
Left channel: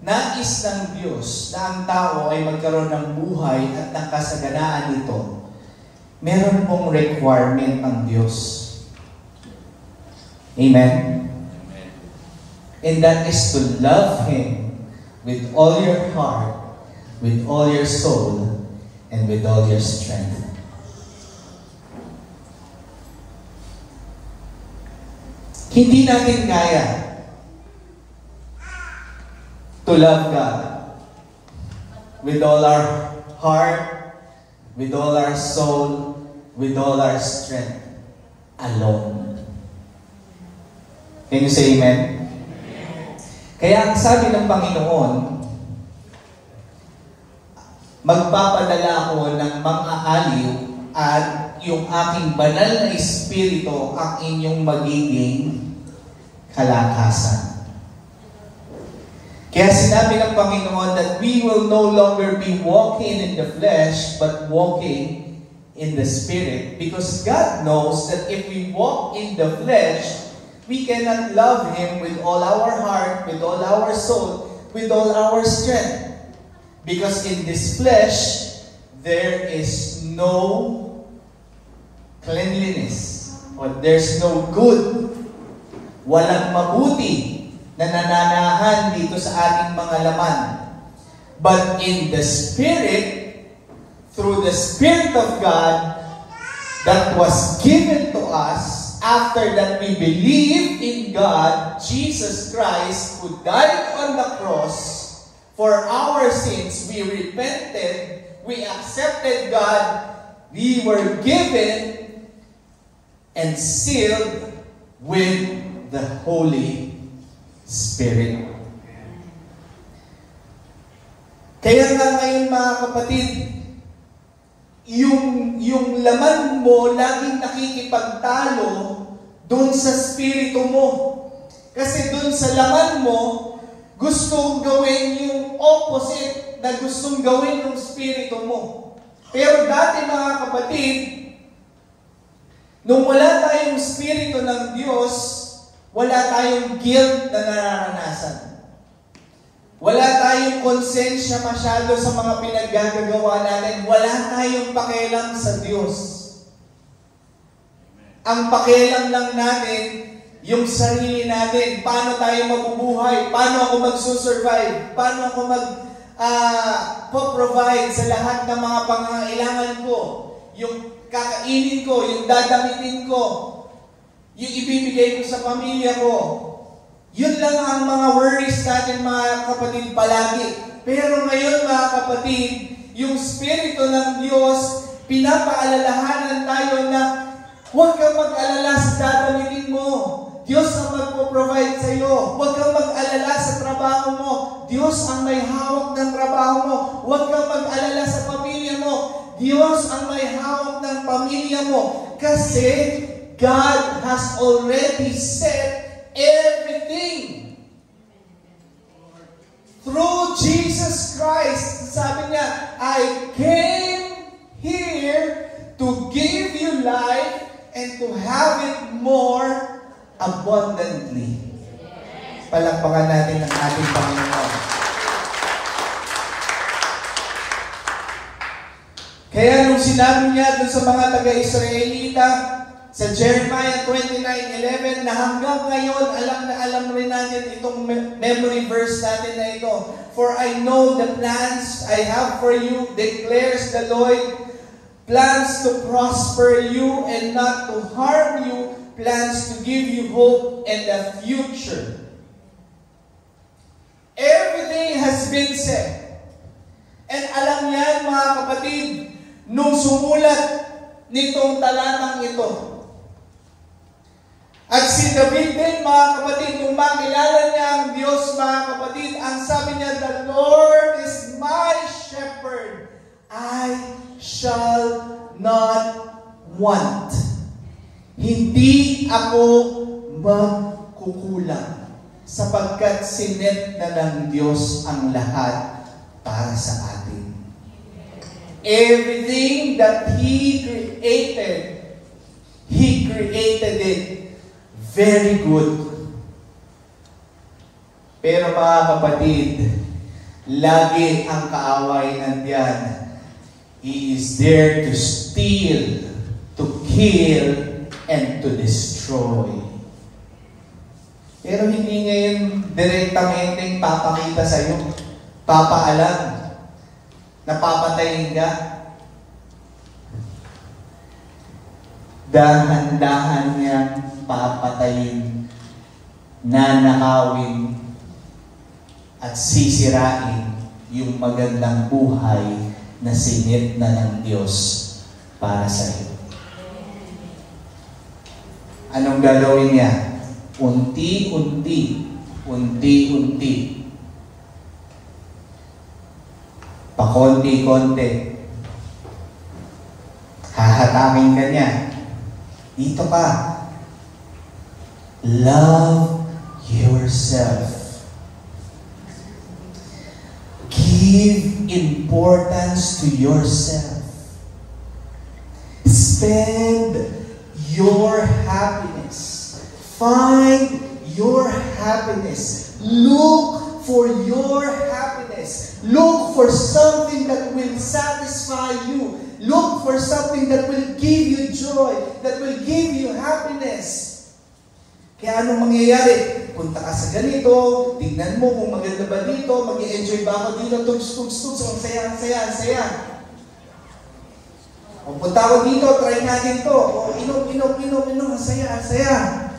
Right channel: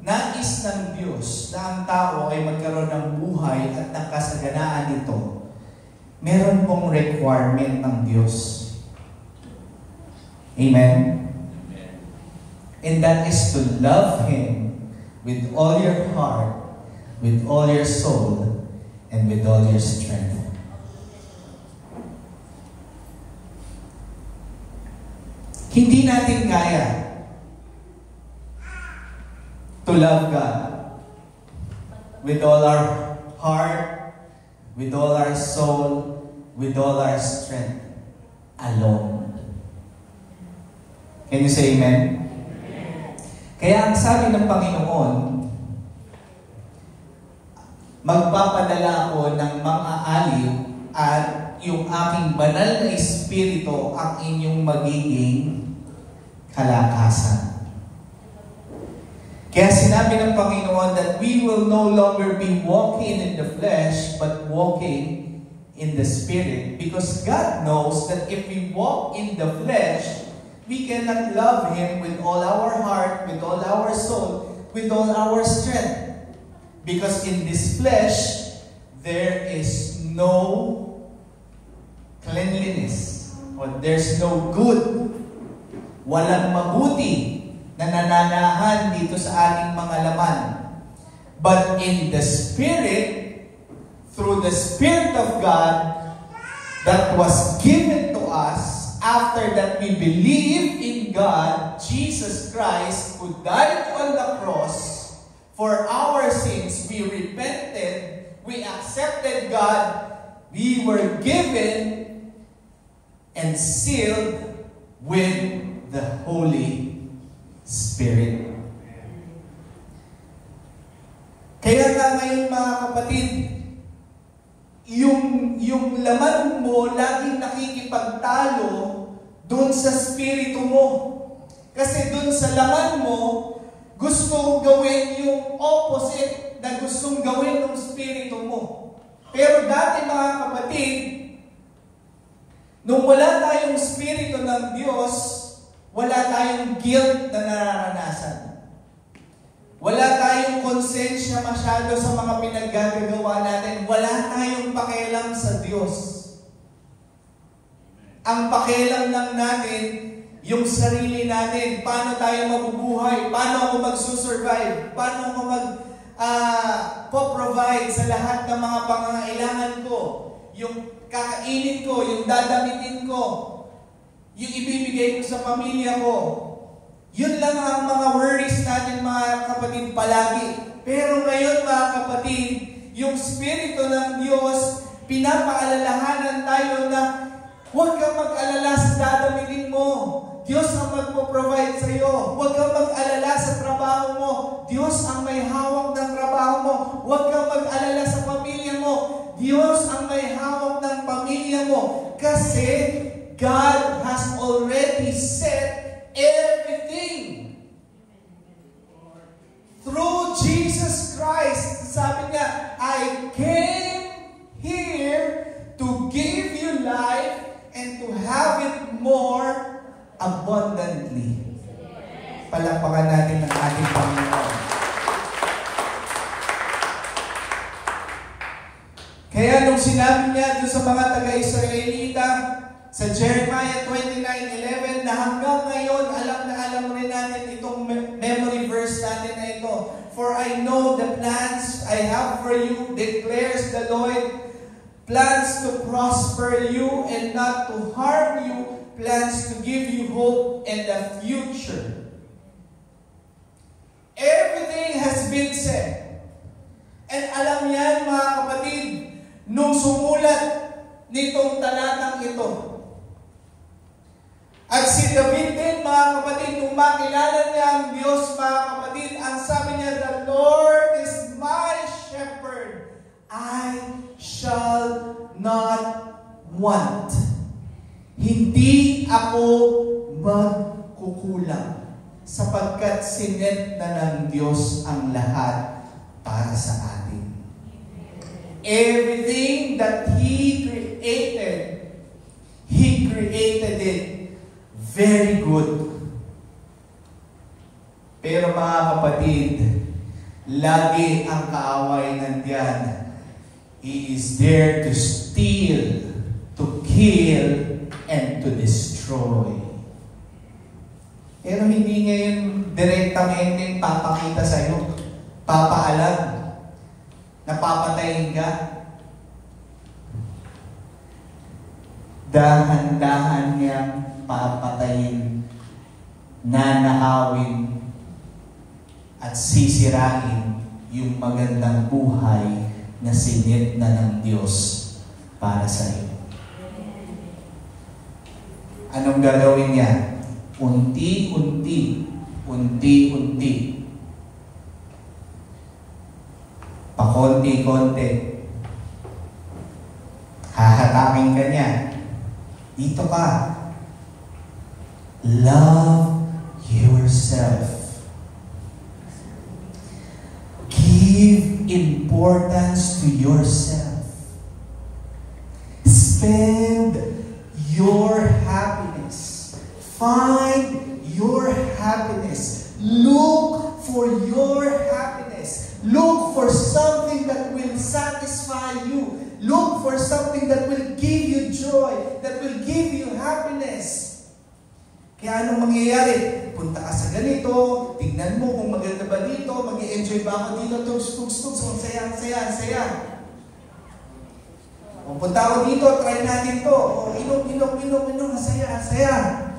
nais ng Diyos na ang tao ay magkaroon ng buhay at ng kasaganaan nito, meron pong requirement ng Diyos. Amen? And that is to love Him with all your heart, with all your soul, and with all your strength. Hindi natin kaya to love God with all our heart, with all our soul, with all our strength alone. Can you say amen? Kaya ang sabi ng Panginoon, magpapadala ako ng mang-aaliw at yung aking banal na espiritu ang inyong magiging kalakasan. Kaya sinabi ng Panginoon that we will no longer be walking in the flesh but walking in the Spirit. Because God knows that if we walk in the flesh, we cannot love Him with all our heart, with all our soul, with all our strength. Because in this flesh, there is no cleanliness. Or there's no good. Walang mabuti na nananahan dito sa ating mga laman. But in the Spirit, through the Spirit of God that was given to us, after that we believe in God, Jesus Christ, who died on the cross for our sins, we repented, we accepted God, we were given and sealed with the Holy Spirit. Kaya nga ngayon, mga kapatid, yung laman mo laging nakikipagtalo doon sa spirito mo. Kasi doon sa laman mo, gustong gawin yung opposite na gustong gawin ng spirito mo. Pero dati, mga kapatid, nung wala tayong spirito ng Diyos, wala tayong guilt na nararanasan. Wala tayong konsensya masyado sa mga pinaggagawa natin. Wala tayong pakialam sa Diyos. Ang pakialam lang natin, yung sarili natin. Paano tayo mabubuhay? Paano ako magsusurvive? Paano ako mag-provide sa lahat ng mga pangangailangan ko? Yung kakainin ko, yung dadamitin ko, yung ibibigay ko sa pamilya ko. Yun lang ang mga worries natin, mga kapatid, palagi. Pero ngayon, mga kapatid, yung Spirito ng Diyos, pinapaalalahanan tayo na huwag kang mag-alala sa dadamitin mo. Diyos ang magpo-provide sa iyo. Huwag kang mag-alala sa trabaho mo. Diyos ang may hawak ng trabaho mo. Huwag kang mag-alala sa pamilya mo. Diyos ang may hawak ng pamilya mo. Kasi God has already set everything. Through Jesus Christ, sabi niya, I came here to give you life and to have it more abundantly. Palakpakan natin ang ating Panginoon. Kaya nung sinabi niya dun sa mga taga-Israelita, sa Jeremiah 29:11, na hanggang ngayon, alam rin natin itong memory verse natin na ito. For I know the plans I have for you, declares the Lord, plans to prosper you and not to harm you, plans to give you hope and a future. Everything has been said. And alam niyan, mga kapatid, nung sumulat nitong talatang ito. At si David din, mga kapatid, nung makilala niya ang Diyos, mga kapatid, ang sabi niya, the Lord is my shepherd. I shall not want. Hindi ako magkukulang sapagkat sinet na ng Diyos ang lahat para sa atin. Everything that He created it very good. Pero mga kapatid, lagi ang kaaway nandiyan. He is there to steal, to kill, and to destroy. Pero hindi niya yung direktamente papakita sa'yo, papaalam, napapatayin ka. Dahan-dahan niyang papatayin, nanakawin, at sisirain yung magandang buhay na sinit na ng Diyos para sa iyo. Anong gagawin niya? Unti-unti, pakonti-konti, hahatakin ka niya. Dito ka. Love yourself. Give importance to yourself. Spend your happiness. Find your happiness. Look for your happiness. Look for something that will satisfy you. Look for something that will give you joy, that will give you happiness. Kaya anong mangyayari? Punta ka sa ganito, tignan mo kung maganda ba dito, mag-i-enjoy ba ako dito, tugs-tugs, ang saya. O punta ako dito, try natin to. O inom, ang saya.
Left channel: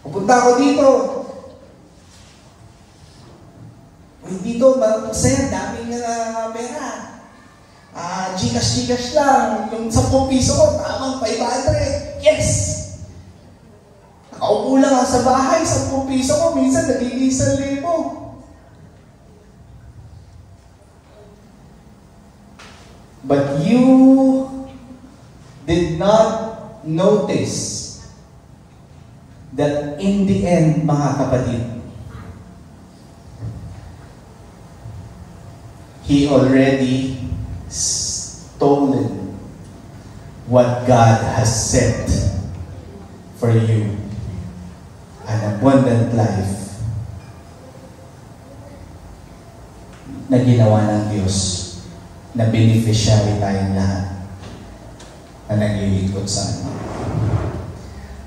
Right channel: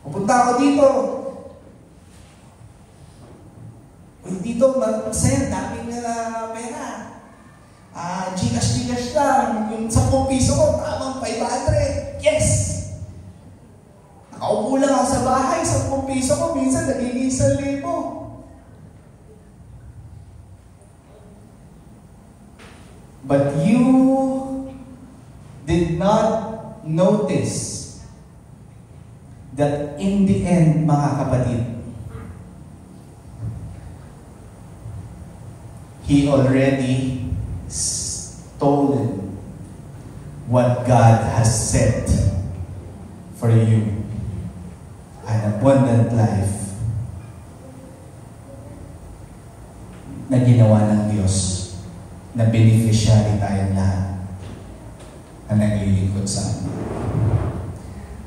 O punta ako dito. O dito, masaya, daming pera. Gcash lang. Yung 10 piso ko, tamang 500. Yes! Nakaupo lang sa bahay, 10 piso ko, minsan nagiging 1,000. But you did not notice that in the end, mga kapatid, He already stolen what God has set for you. An abundant life na ginawa ng Diyos, na beneficiary tayong lahat na naglilingkod sa amin.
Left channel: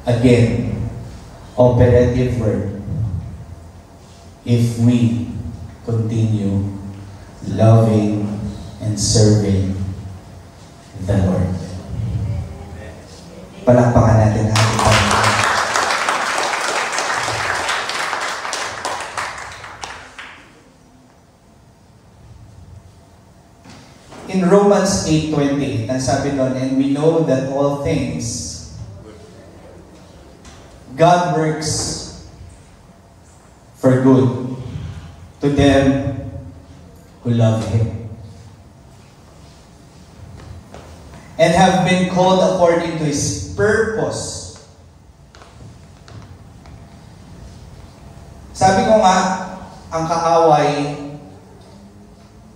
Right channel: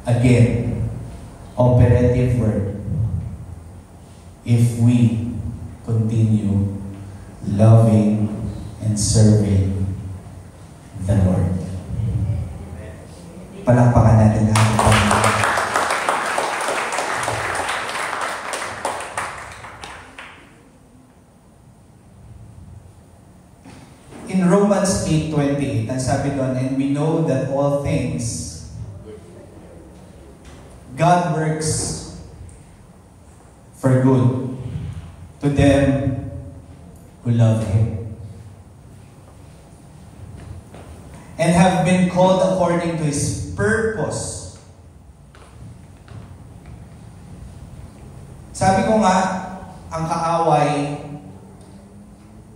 Again, operative word. If we continue loving and serving the Lord. Palakpakan natin ang ating Panginoon. In Romans 8:28, ang sabi doon, and we know that all things God works for good to them who love Him and have been called according to His purpose. Sabi ko nga, ang kaaway,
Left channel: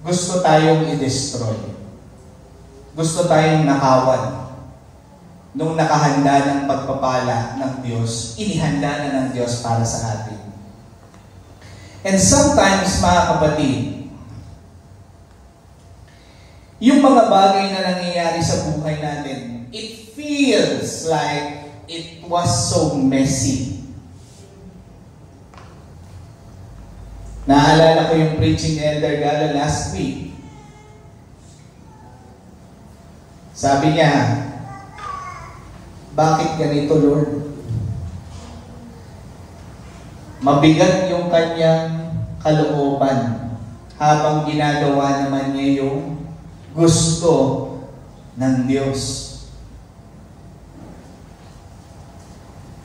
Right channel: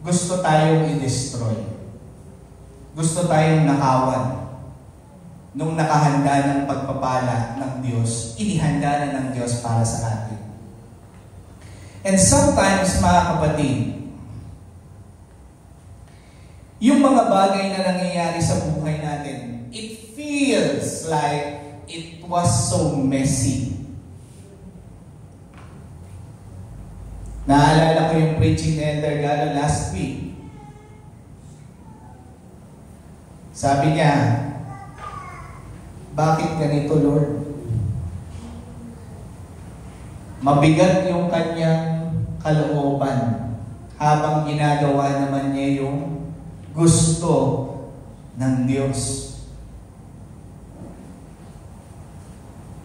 gusto tayong i-destroy. Gusto tayong nakawan. Nung nakahanda ng pagpapala ng Diyos, inihanda na ng Diyos para sa atin. And sometimes, mga kapatid, yung mga bagay na nangyayari sa buhay natin, it feels like it was so messy. Naalala ko yung preaching ni Elder Galo last week. Sabi niya, bakit ganito, Lord? Mabigat yung kanyang kalooban habang ginagawa naman niya yung gusto ng Diyos.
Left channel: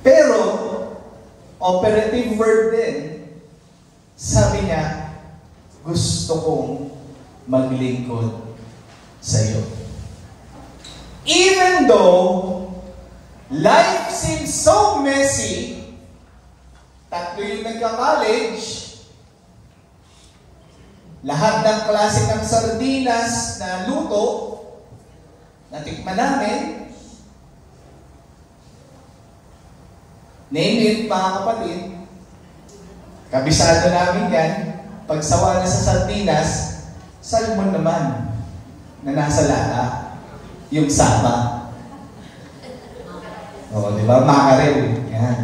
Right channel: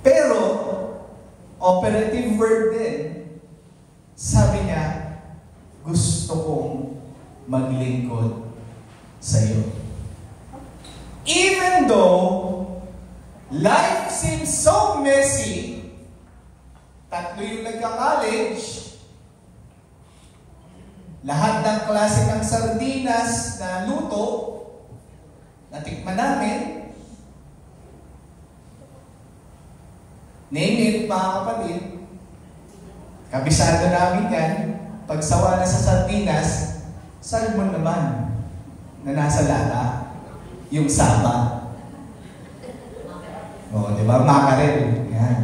Pero, operative word din, sabi niya, gusto kong maglingkod sa iyo. Even though life seems so messy, tatlo yung nagka-college, lahat ng klase ng sardinas na luto, natikman namin, name it, mga kapatid, kabisado namin yan, pagsawa na sa sardinas, salmon naman, na nasa laa, yung saba. O, di ba? Makarel. Yan.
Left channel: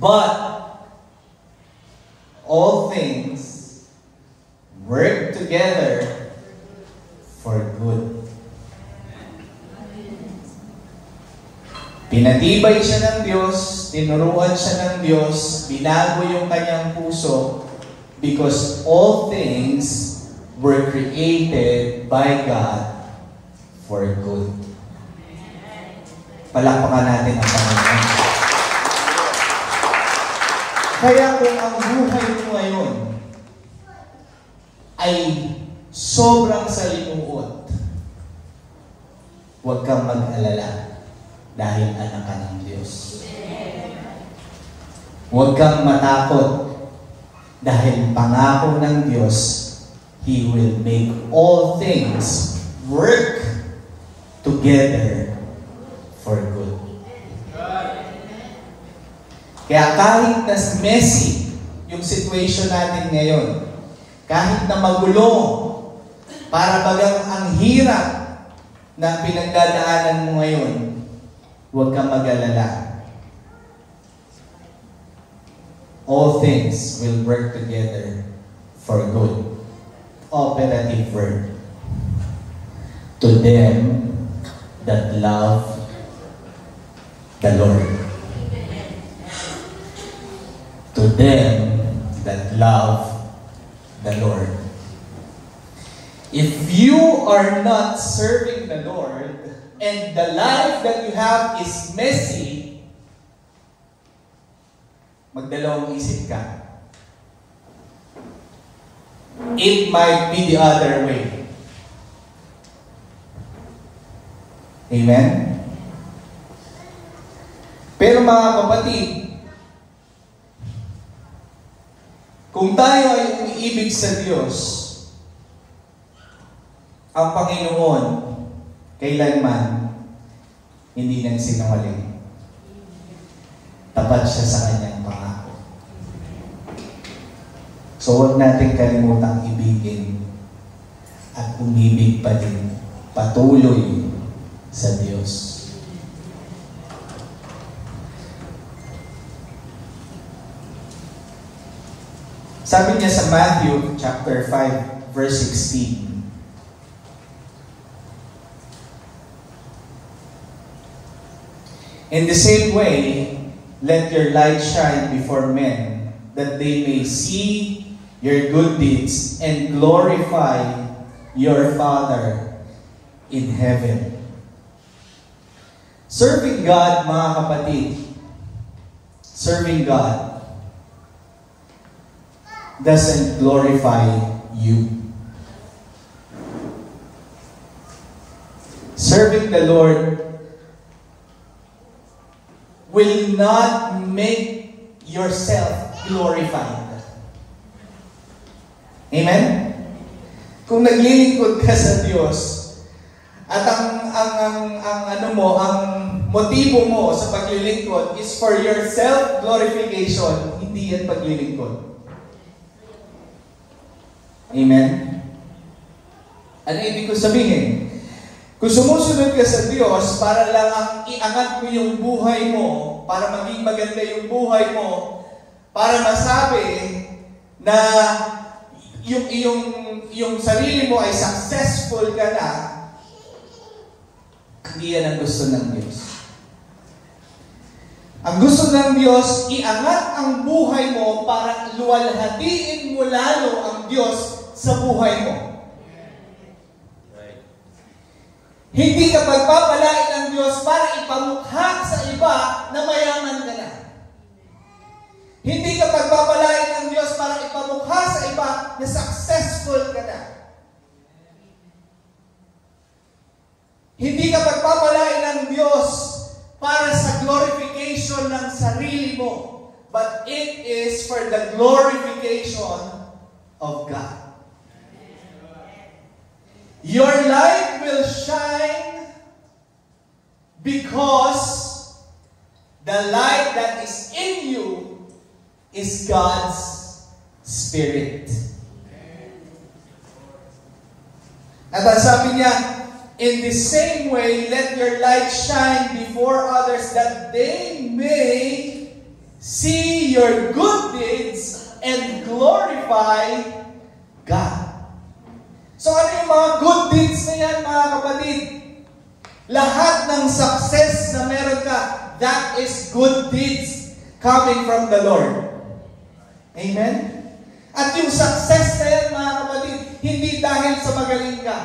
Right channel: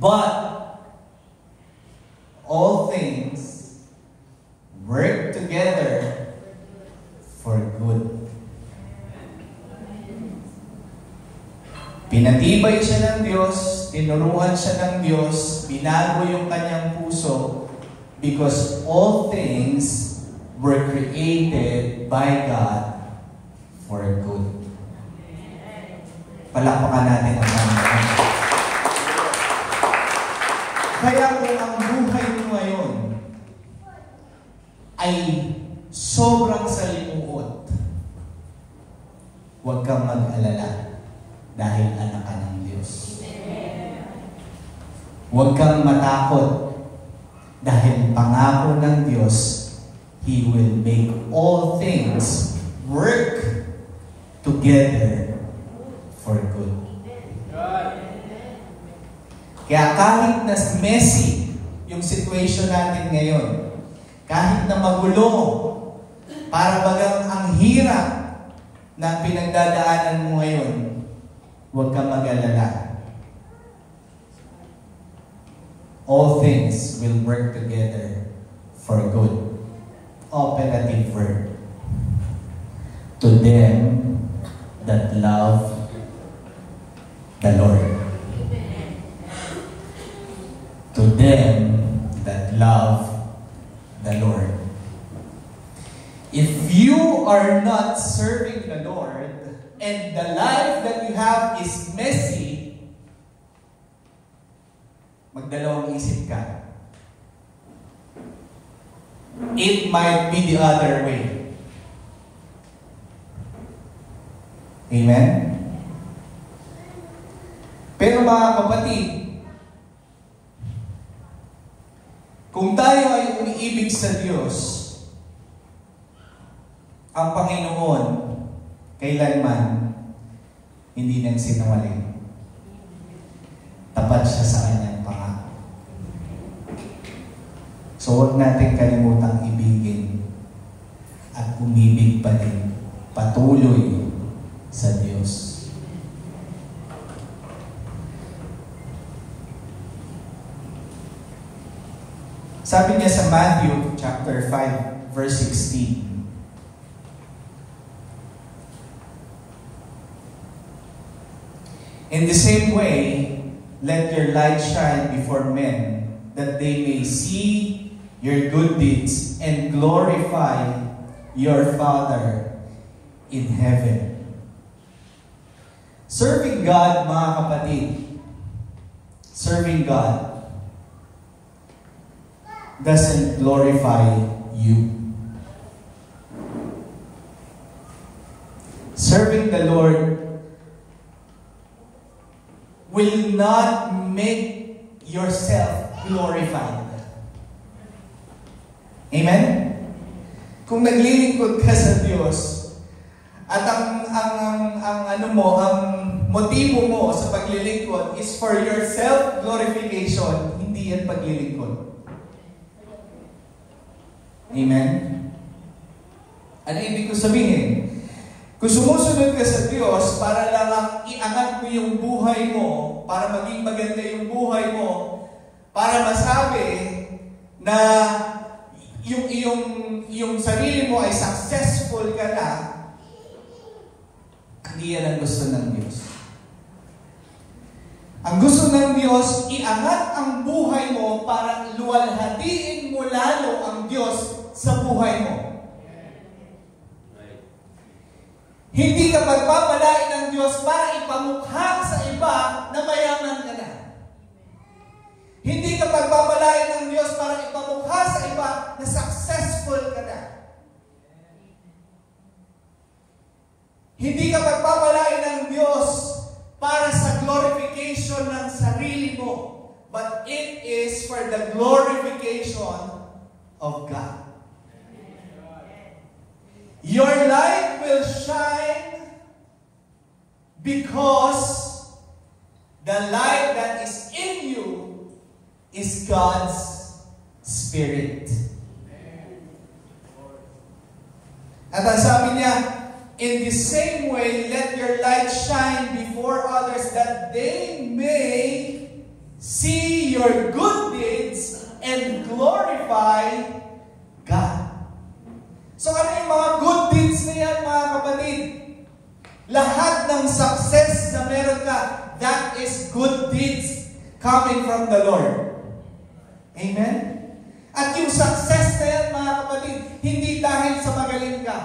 But, all things work together for good. Pinatibay siya ng Diyos, tinuruan siya ng Diyos, binago yung kanyang puso, because all things were created by God for good. Palakpakan natin ang Panginoon. Kaya kung ang buhay mo ngayon ay sobrang salimuot, huwag kang mag-alala dahil anak ka ng Diyos. Huwag kang matakot dahil pangako ng Diyos, He will make all things work together for good. Kaya kahit na messy yung situation natin ngayon, kahit na magulo, para bagang ang hirap na pinagdadaanan mo ngayon, huwag kang mag-alala. All things will work together for good. Operative word. To them that love the Lord. To them that love the Lord. If you are not serving the Lord and the life that you have is messy, magdalawang isip ka. It might be the other way. Amen? Pero mga kapatid, kung tayo ay umiibig sa Diyos, ang Panginoon, kailanman, hindi nang sinungaling. Tapat siya sa kanyang pangako. So huwag natin kalimutang ibigin at umibig pa din patuloy sa Diyos. Sabi niya sa Matthew chapter 5 verse 16, in the same way, let your light shine before men, that they may see your good deeds and glorify your Father in heaven. Serving God, mga kapatid, serving God doesn't glorify you. Serving the Lord will not make yourself glorified. Amen? Kung naglilingkod ka sa Diyos at ang motibo mo sa paglilingkod is for your self-glorification, hindi yan paglilingkod. Amen? Ano ibig ko sabihin? Kung sumusunod ka sa Diyos para lang iangat mo yung buhay mo, para maging maganda yung buhay mo, para masabi na yung sarili mo ay successful ka na, hindi yan ang gusto ng Diyos. Ang gusto ng Diyos, iangat ang buhay mo para luwalhatiin mo lalo ang Diyos sa buhay mo. Hindi ka pagpapalain ng Diyos para ipamukha sa iba na mayaman ka na. Hindi ka pagpapalain ng Diyos para ipamukha sa iba na successful ka na. Hindi ka pagpapalain ng Diyos para sa glorification ng sarili mo, but it is for the glorification of God. Your light will shine because the light that is in you is God's Spirit. At ang sabi niya, in the same way, let your light shine before others that they may see your good deeds and glorify God. So ano yung mga good deeds na yan, mga kapatid? Lahat ng success na meron ka, that is good deeds coming from the Lord. Amen? At yung success na yan, mga kapatid, hindi dahil sa magaling ka.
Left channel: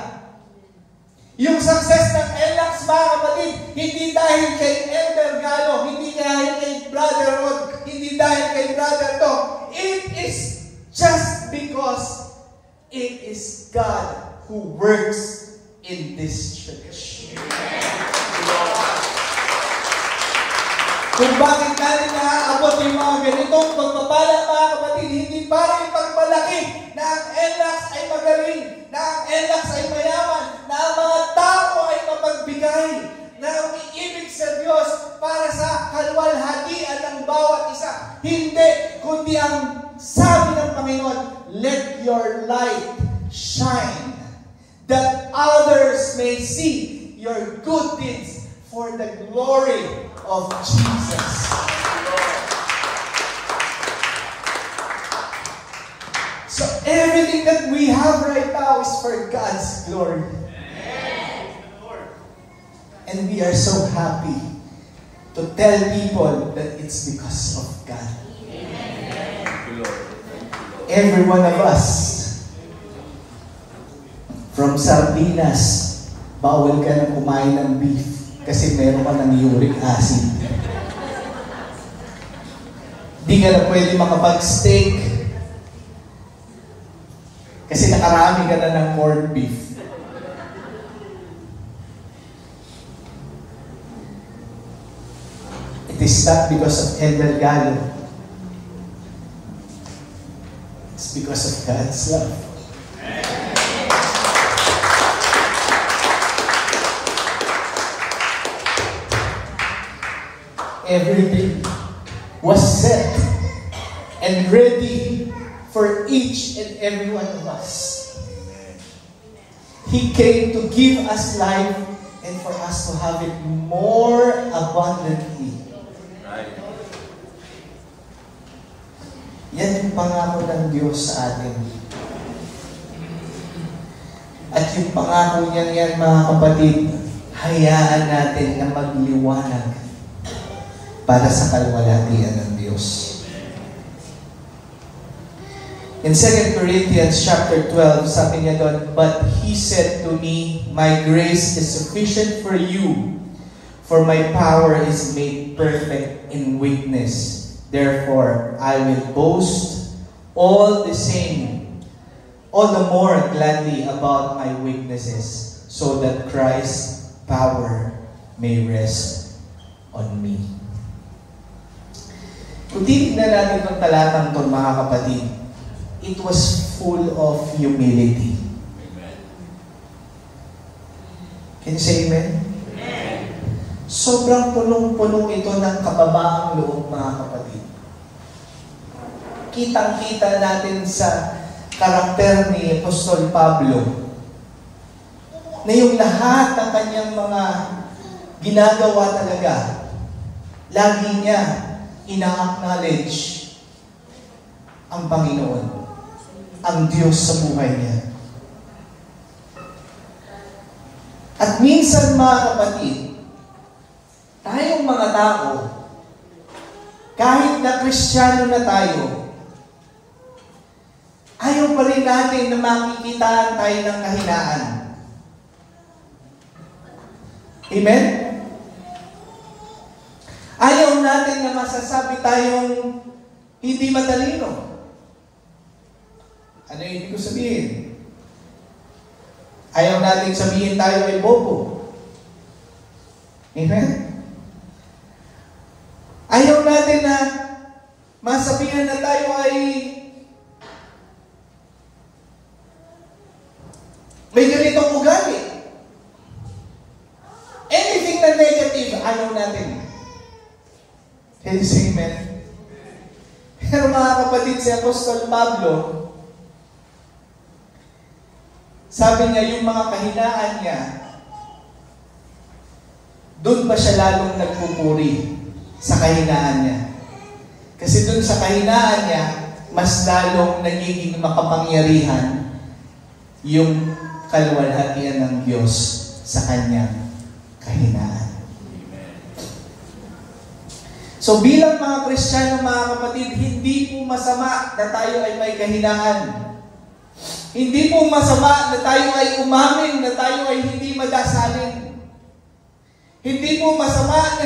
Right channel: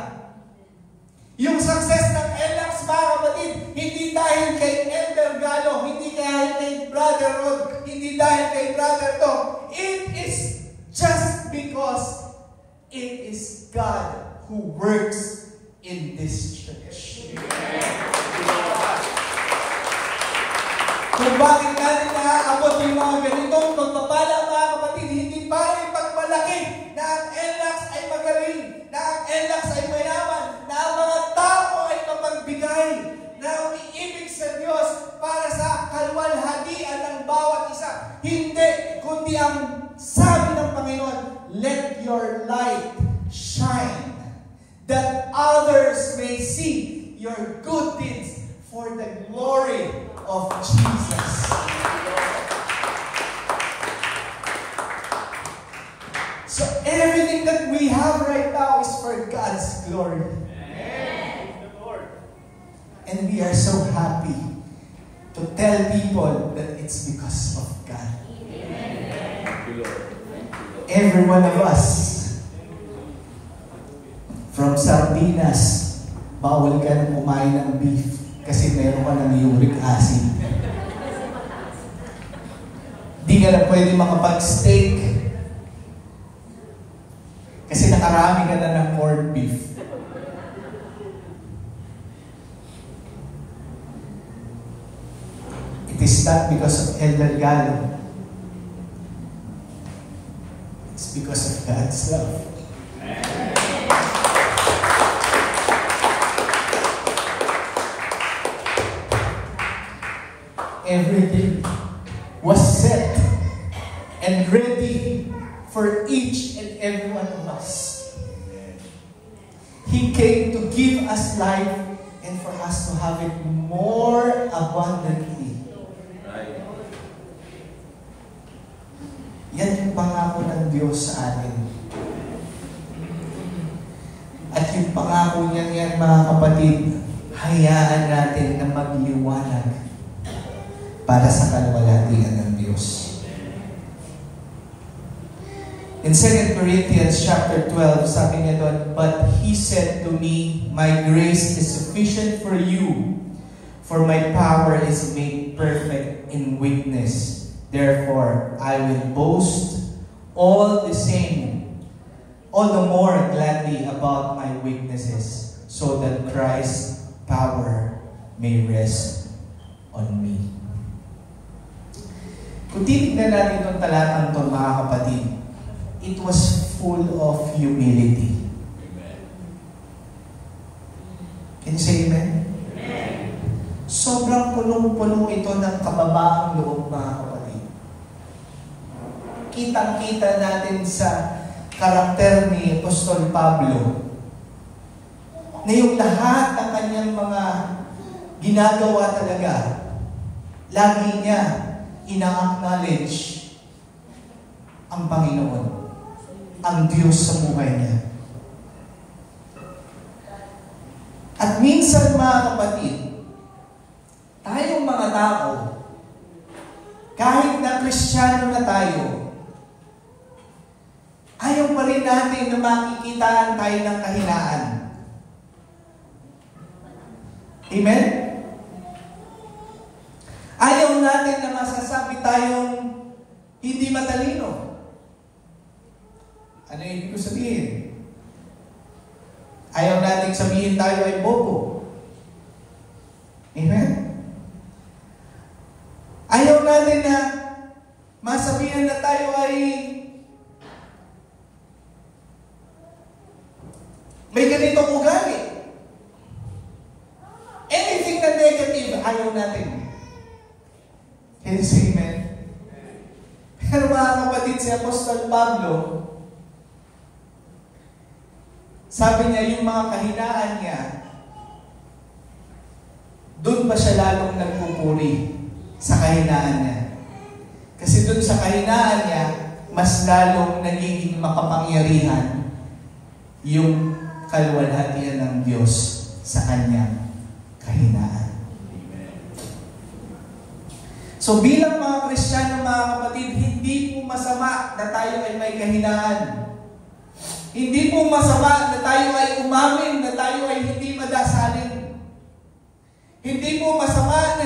Yung success ng LX, mga kapatid, hindi dahil kay Elder Galo, hindi dahil kay Brother Rod, hindi dahil kay Brother Tom. It is just because it is God who works in this church. Kung bakit natin naaabot yung mga ganitong pagpapala, mga kapatid, hindi para yung pagmalaki na ang LX ay magaling, na ang LX ay mayaman, na ang mga tao ay mapagbigay, na ang iibig sa Diyos para sa kalwalhatian ng bawat isa. Hindi, kundi ang sabi ng Panginoon, let your light shine, that others may see your good deeds for the glory of Jesus. So everything that we have right now is for God's glory. And we are so happy to tell people that it's because of God. Every one of us, from sardinas, bawal ka na kumain ng beef kasi meron ka ng uric acid. Di ka na pwede makapag-steak kasi nakarami ka na ng corned beef. It is not because of Elder Galo. It's because of God's love. Everything was set and ready for each and every one of us. He came to give us life and for us to have it more abundantly. Yan yung pangako ng Diyos sa atin. At yung pangako niyan yan, mga kapatid, hayaan natin na magliwanag para sa kalwalhatian ng Diyos. In 2 Corinthians chapter 12, sabi niya doon, but He said to me, my grace is sufficient for you, for my power is made perfect in weakness. Therefore, I will boast all the more gladly about my weaknesses, so that Christ's power may rest on me. Kung titignan natin itong talatang ito, mga kapatid, it was full of humility. Can you say amen? Sobrang punong-punong ito ng kababaang loob, mga kapatid. Kitang-kita natin sa karakter ni Apostol Pablo na yung lahat ng kanyang mga ginagawa talaga, lagi niya ina-acknowledge ang Panginoon, ang Diyos sa buhay niya. At minsan, mga kapatid, tayong mga tao, kahit na Kristiyano na tayo, ayaw pa rin natin na makikita tayo ng kahinaan. Amen? Ayaw natin na masasabi tayong hindi matalino. Ano yung ibig ko sabihin? Ayaw natin sabihin tayo ay bobo. Amen? Ayaw natin na masabihin na tayo ay may ganitong ugali. Anything na negative, ayaw natin. Can you say amen? Pero mga kapatid, si Apostol Pablo, sabi niya, yung mga kahinaan niya, doon pa siya lalong nagpupuri sa kahinaan niya. Kasi doon sa kahinaan niya, mas lalong nagiging makapangyarihan yung kaluwalhatian ng Diyos sa kanyang kahinaan. So bilang mga Kristiyano, mga kapatid, hindi po masama na tayo ay may kahinaan. Hindi po masama na tayo ay umamin, na tayo ay hindi madasalin. Hindi po masama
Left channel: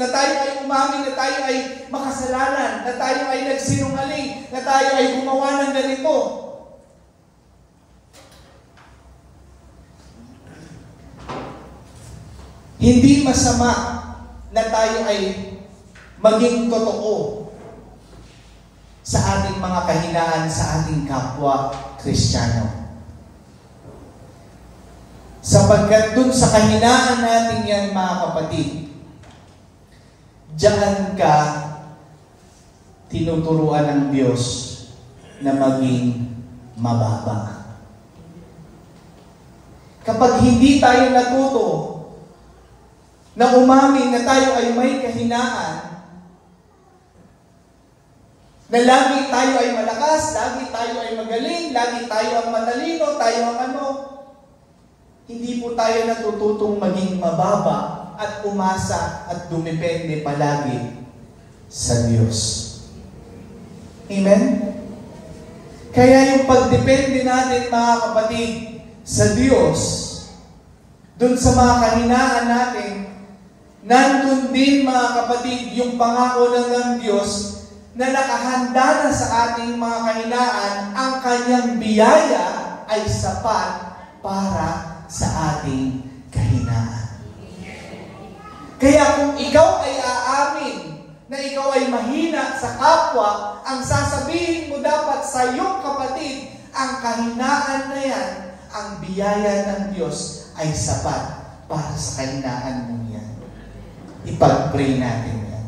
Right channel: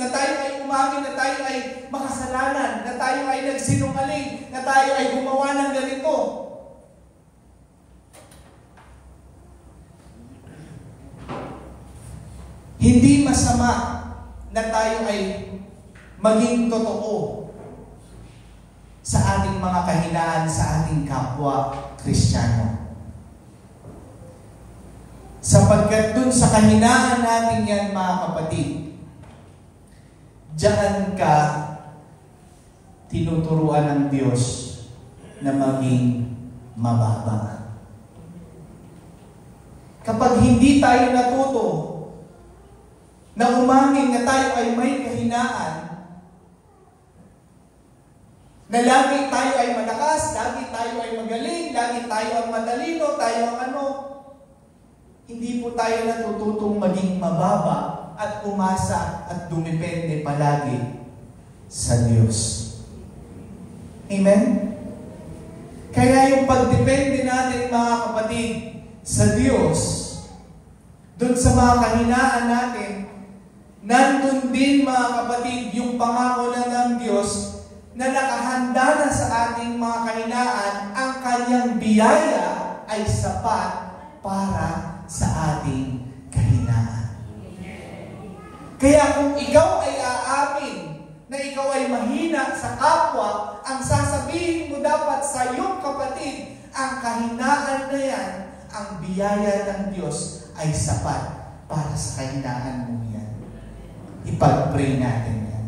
na tayo ay umamin, na tayo ay makasalanan, na tayo ay nagsinungaling, na tayo ay gumawa ng ganito. Hindi masama na tayo ay maging totoo sa ating mga kahinaan sa ating kapwa Kristiyano. Sapagkat dun sa kahinaan natin yan, mga kapatid, diyan ka tinuturuan ng Diyos na maging mababa. Kapag hindi tayo natuto na umamin na tayo ay may kahinaan, na lagi tayo ay malakas, lagi tayo ay magaling, lagi tayo ang matalino, tayo ang ano, hindi po tayo natututong maging mababa at umasa at dumepende palagi sa Diyos. Amen? Kaya yung pagdepende natin, mga kapatid, sa Diyos, dun sa mga kahinaan natin, nandun din, mga kapatid, yung pangako na ng Diyos na nakahanda na sa ating mga kahinaan, ang kanyang biyaya ay sapat para sa ating kahinaan. Kaya kung ikaw ay aamin na ikaw ay mahina sa kapwa, ang sasabihin mo dapat sa iyong kapatid, ang kahinaan na yan, ang biyaya ng Diyos ay sapat para sa kahinaan mo yan. Ipag-pray natin yan.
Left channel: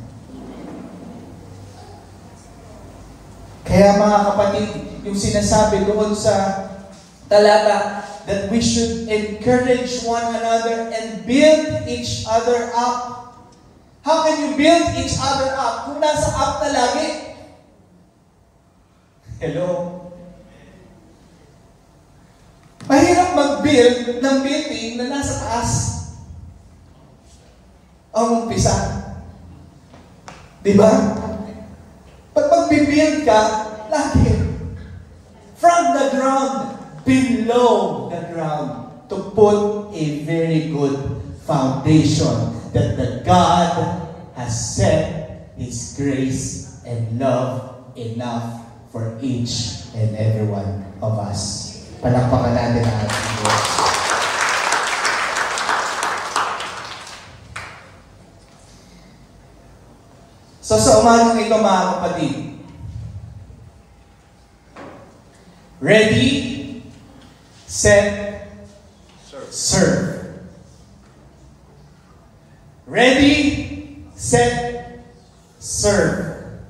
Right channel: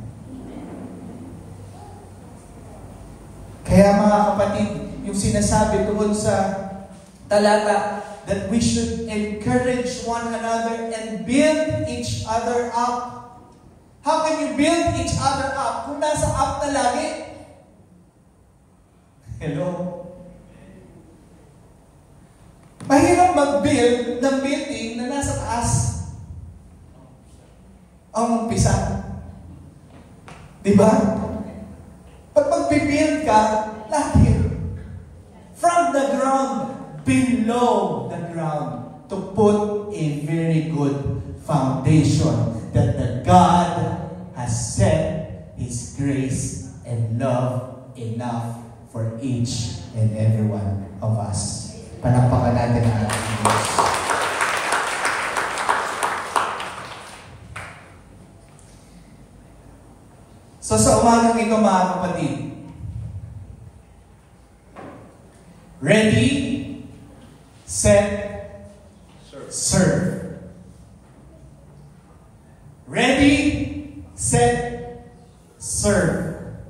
Kaya mga kapatid, yung sinasabi doon sa talata, that we should encourage one another and build each other up. How can you build each other up? Kung nasa up na lagi. Hello? Mahirap mag-build ng building na nasa taas. Ang umpisa. Diba? Pag mag-build ka, lagi. From the ground, below the ground, to put a very good foundation that the God has set His grace and love enough for each and every one of us. Palakpakan natin ang ating Diyos. So sa umagang ito, mga kapatid, ready, set, serve. Ready, set, serve.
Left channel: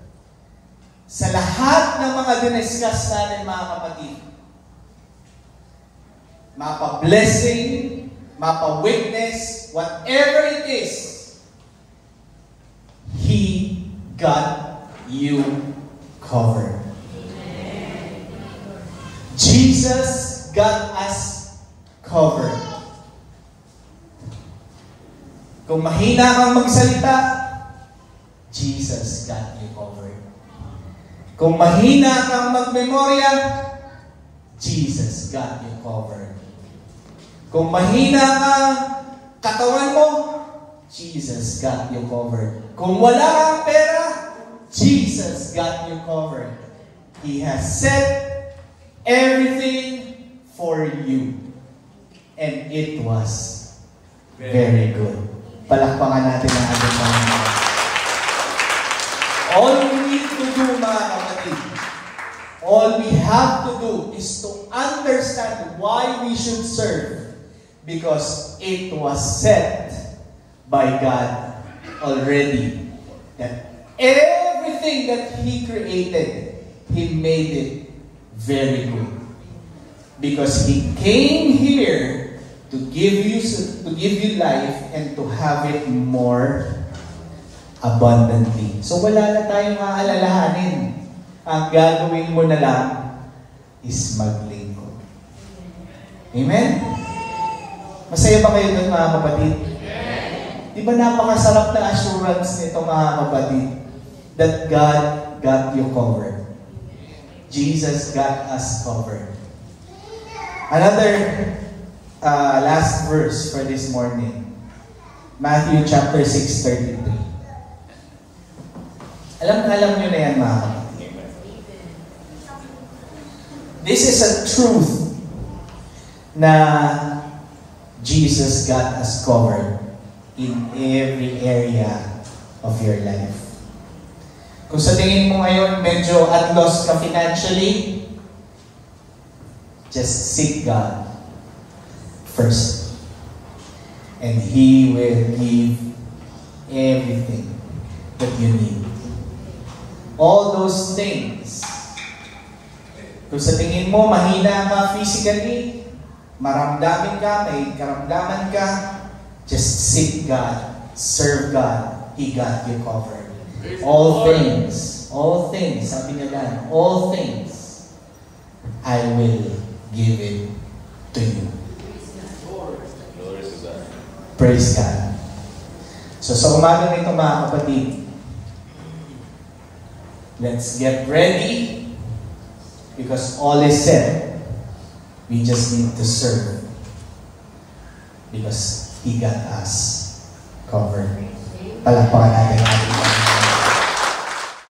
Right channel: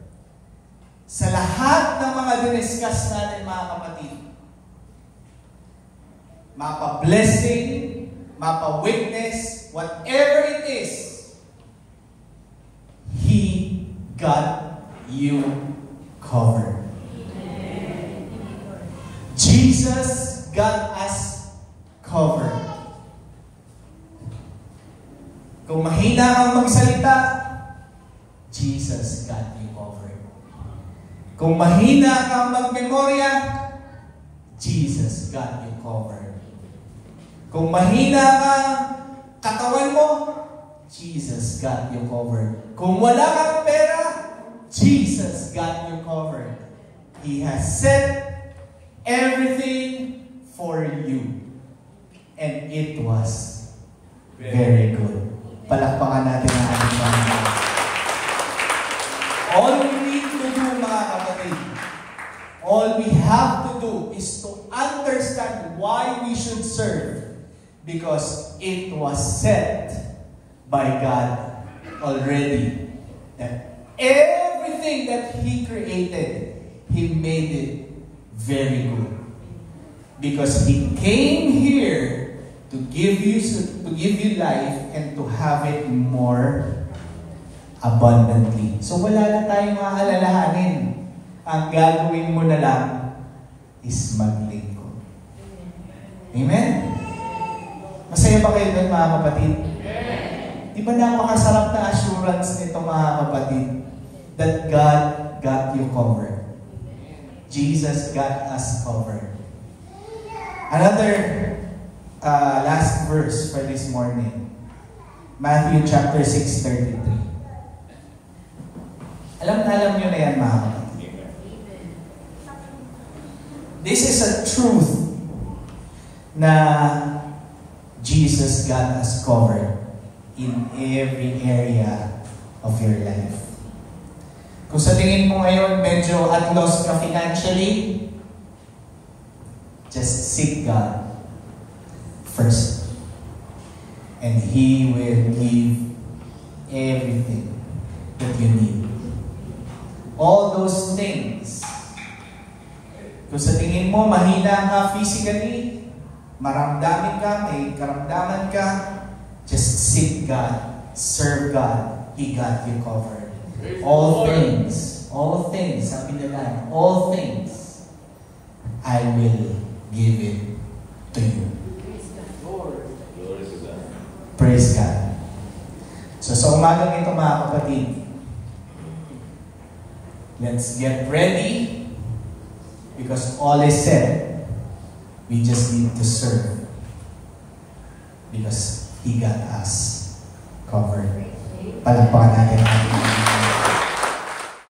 Sa lahat ng mga diniscuss natin mga kapatid, mapa-blessing, mapa-witness, whatever it is, He got you covered. Jesus got us covered. Kung mahina kang magsalita, Jesus got you covered. Kung mahina kang magmemorya, Jesus got you covered. Kung mahina kang katawan mo, Jesus got you covered. Kung wala kang pera, Jesus got you covered. He has set everything for you. And it was very good. Palakpakan natin ang ating Panginoon. All we need to do, mga kapatid, all we have to do is to understand why we should serve. Because it was set by God already. That everything that He created, He made it very good. Because He came here to give you life and to have it more abundantly. So wala na tayong maalalahanin. Ang gagawin mo na lang is maglingkod. Amen? Masaya ba kayo doon mga kapatid? Di ba napakasarap na assurance nito mga kapatid? That God got you covered. Jesus got us covered. Another last verse for this morning. Matthew chapter 6:33. Alam nyo na yan mga kapatid. This is a truth na Jesus got us covered in every area of your life. Kung sa tingin mo ngayon medyo at loss ka financially, just seek God first. And He will give everything that you need. All those things. Kung sa tingin mo mahina ka physically, maramdamin ka, may karamdaman ka, just seek God, serve God. He got you covered. All things, sabi nila, all things, I will give it to you. Praise God. So sa umaga nito mga kapatid, let's get ready because all is said. We just need to serve because He got us covered. Palakpakan natin.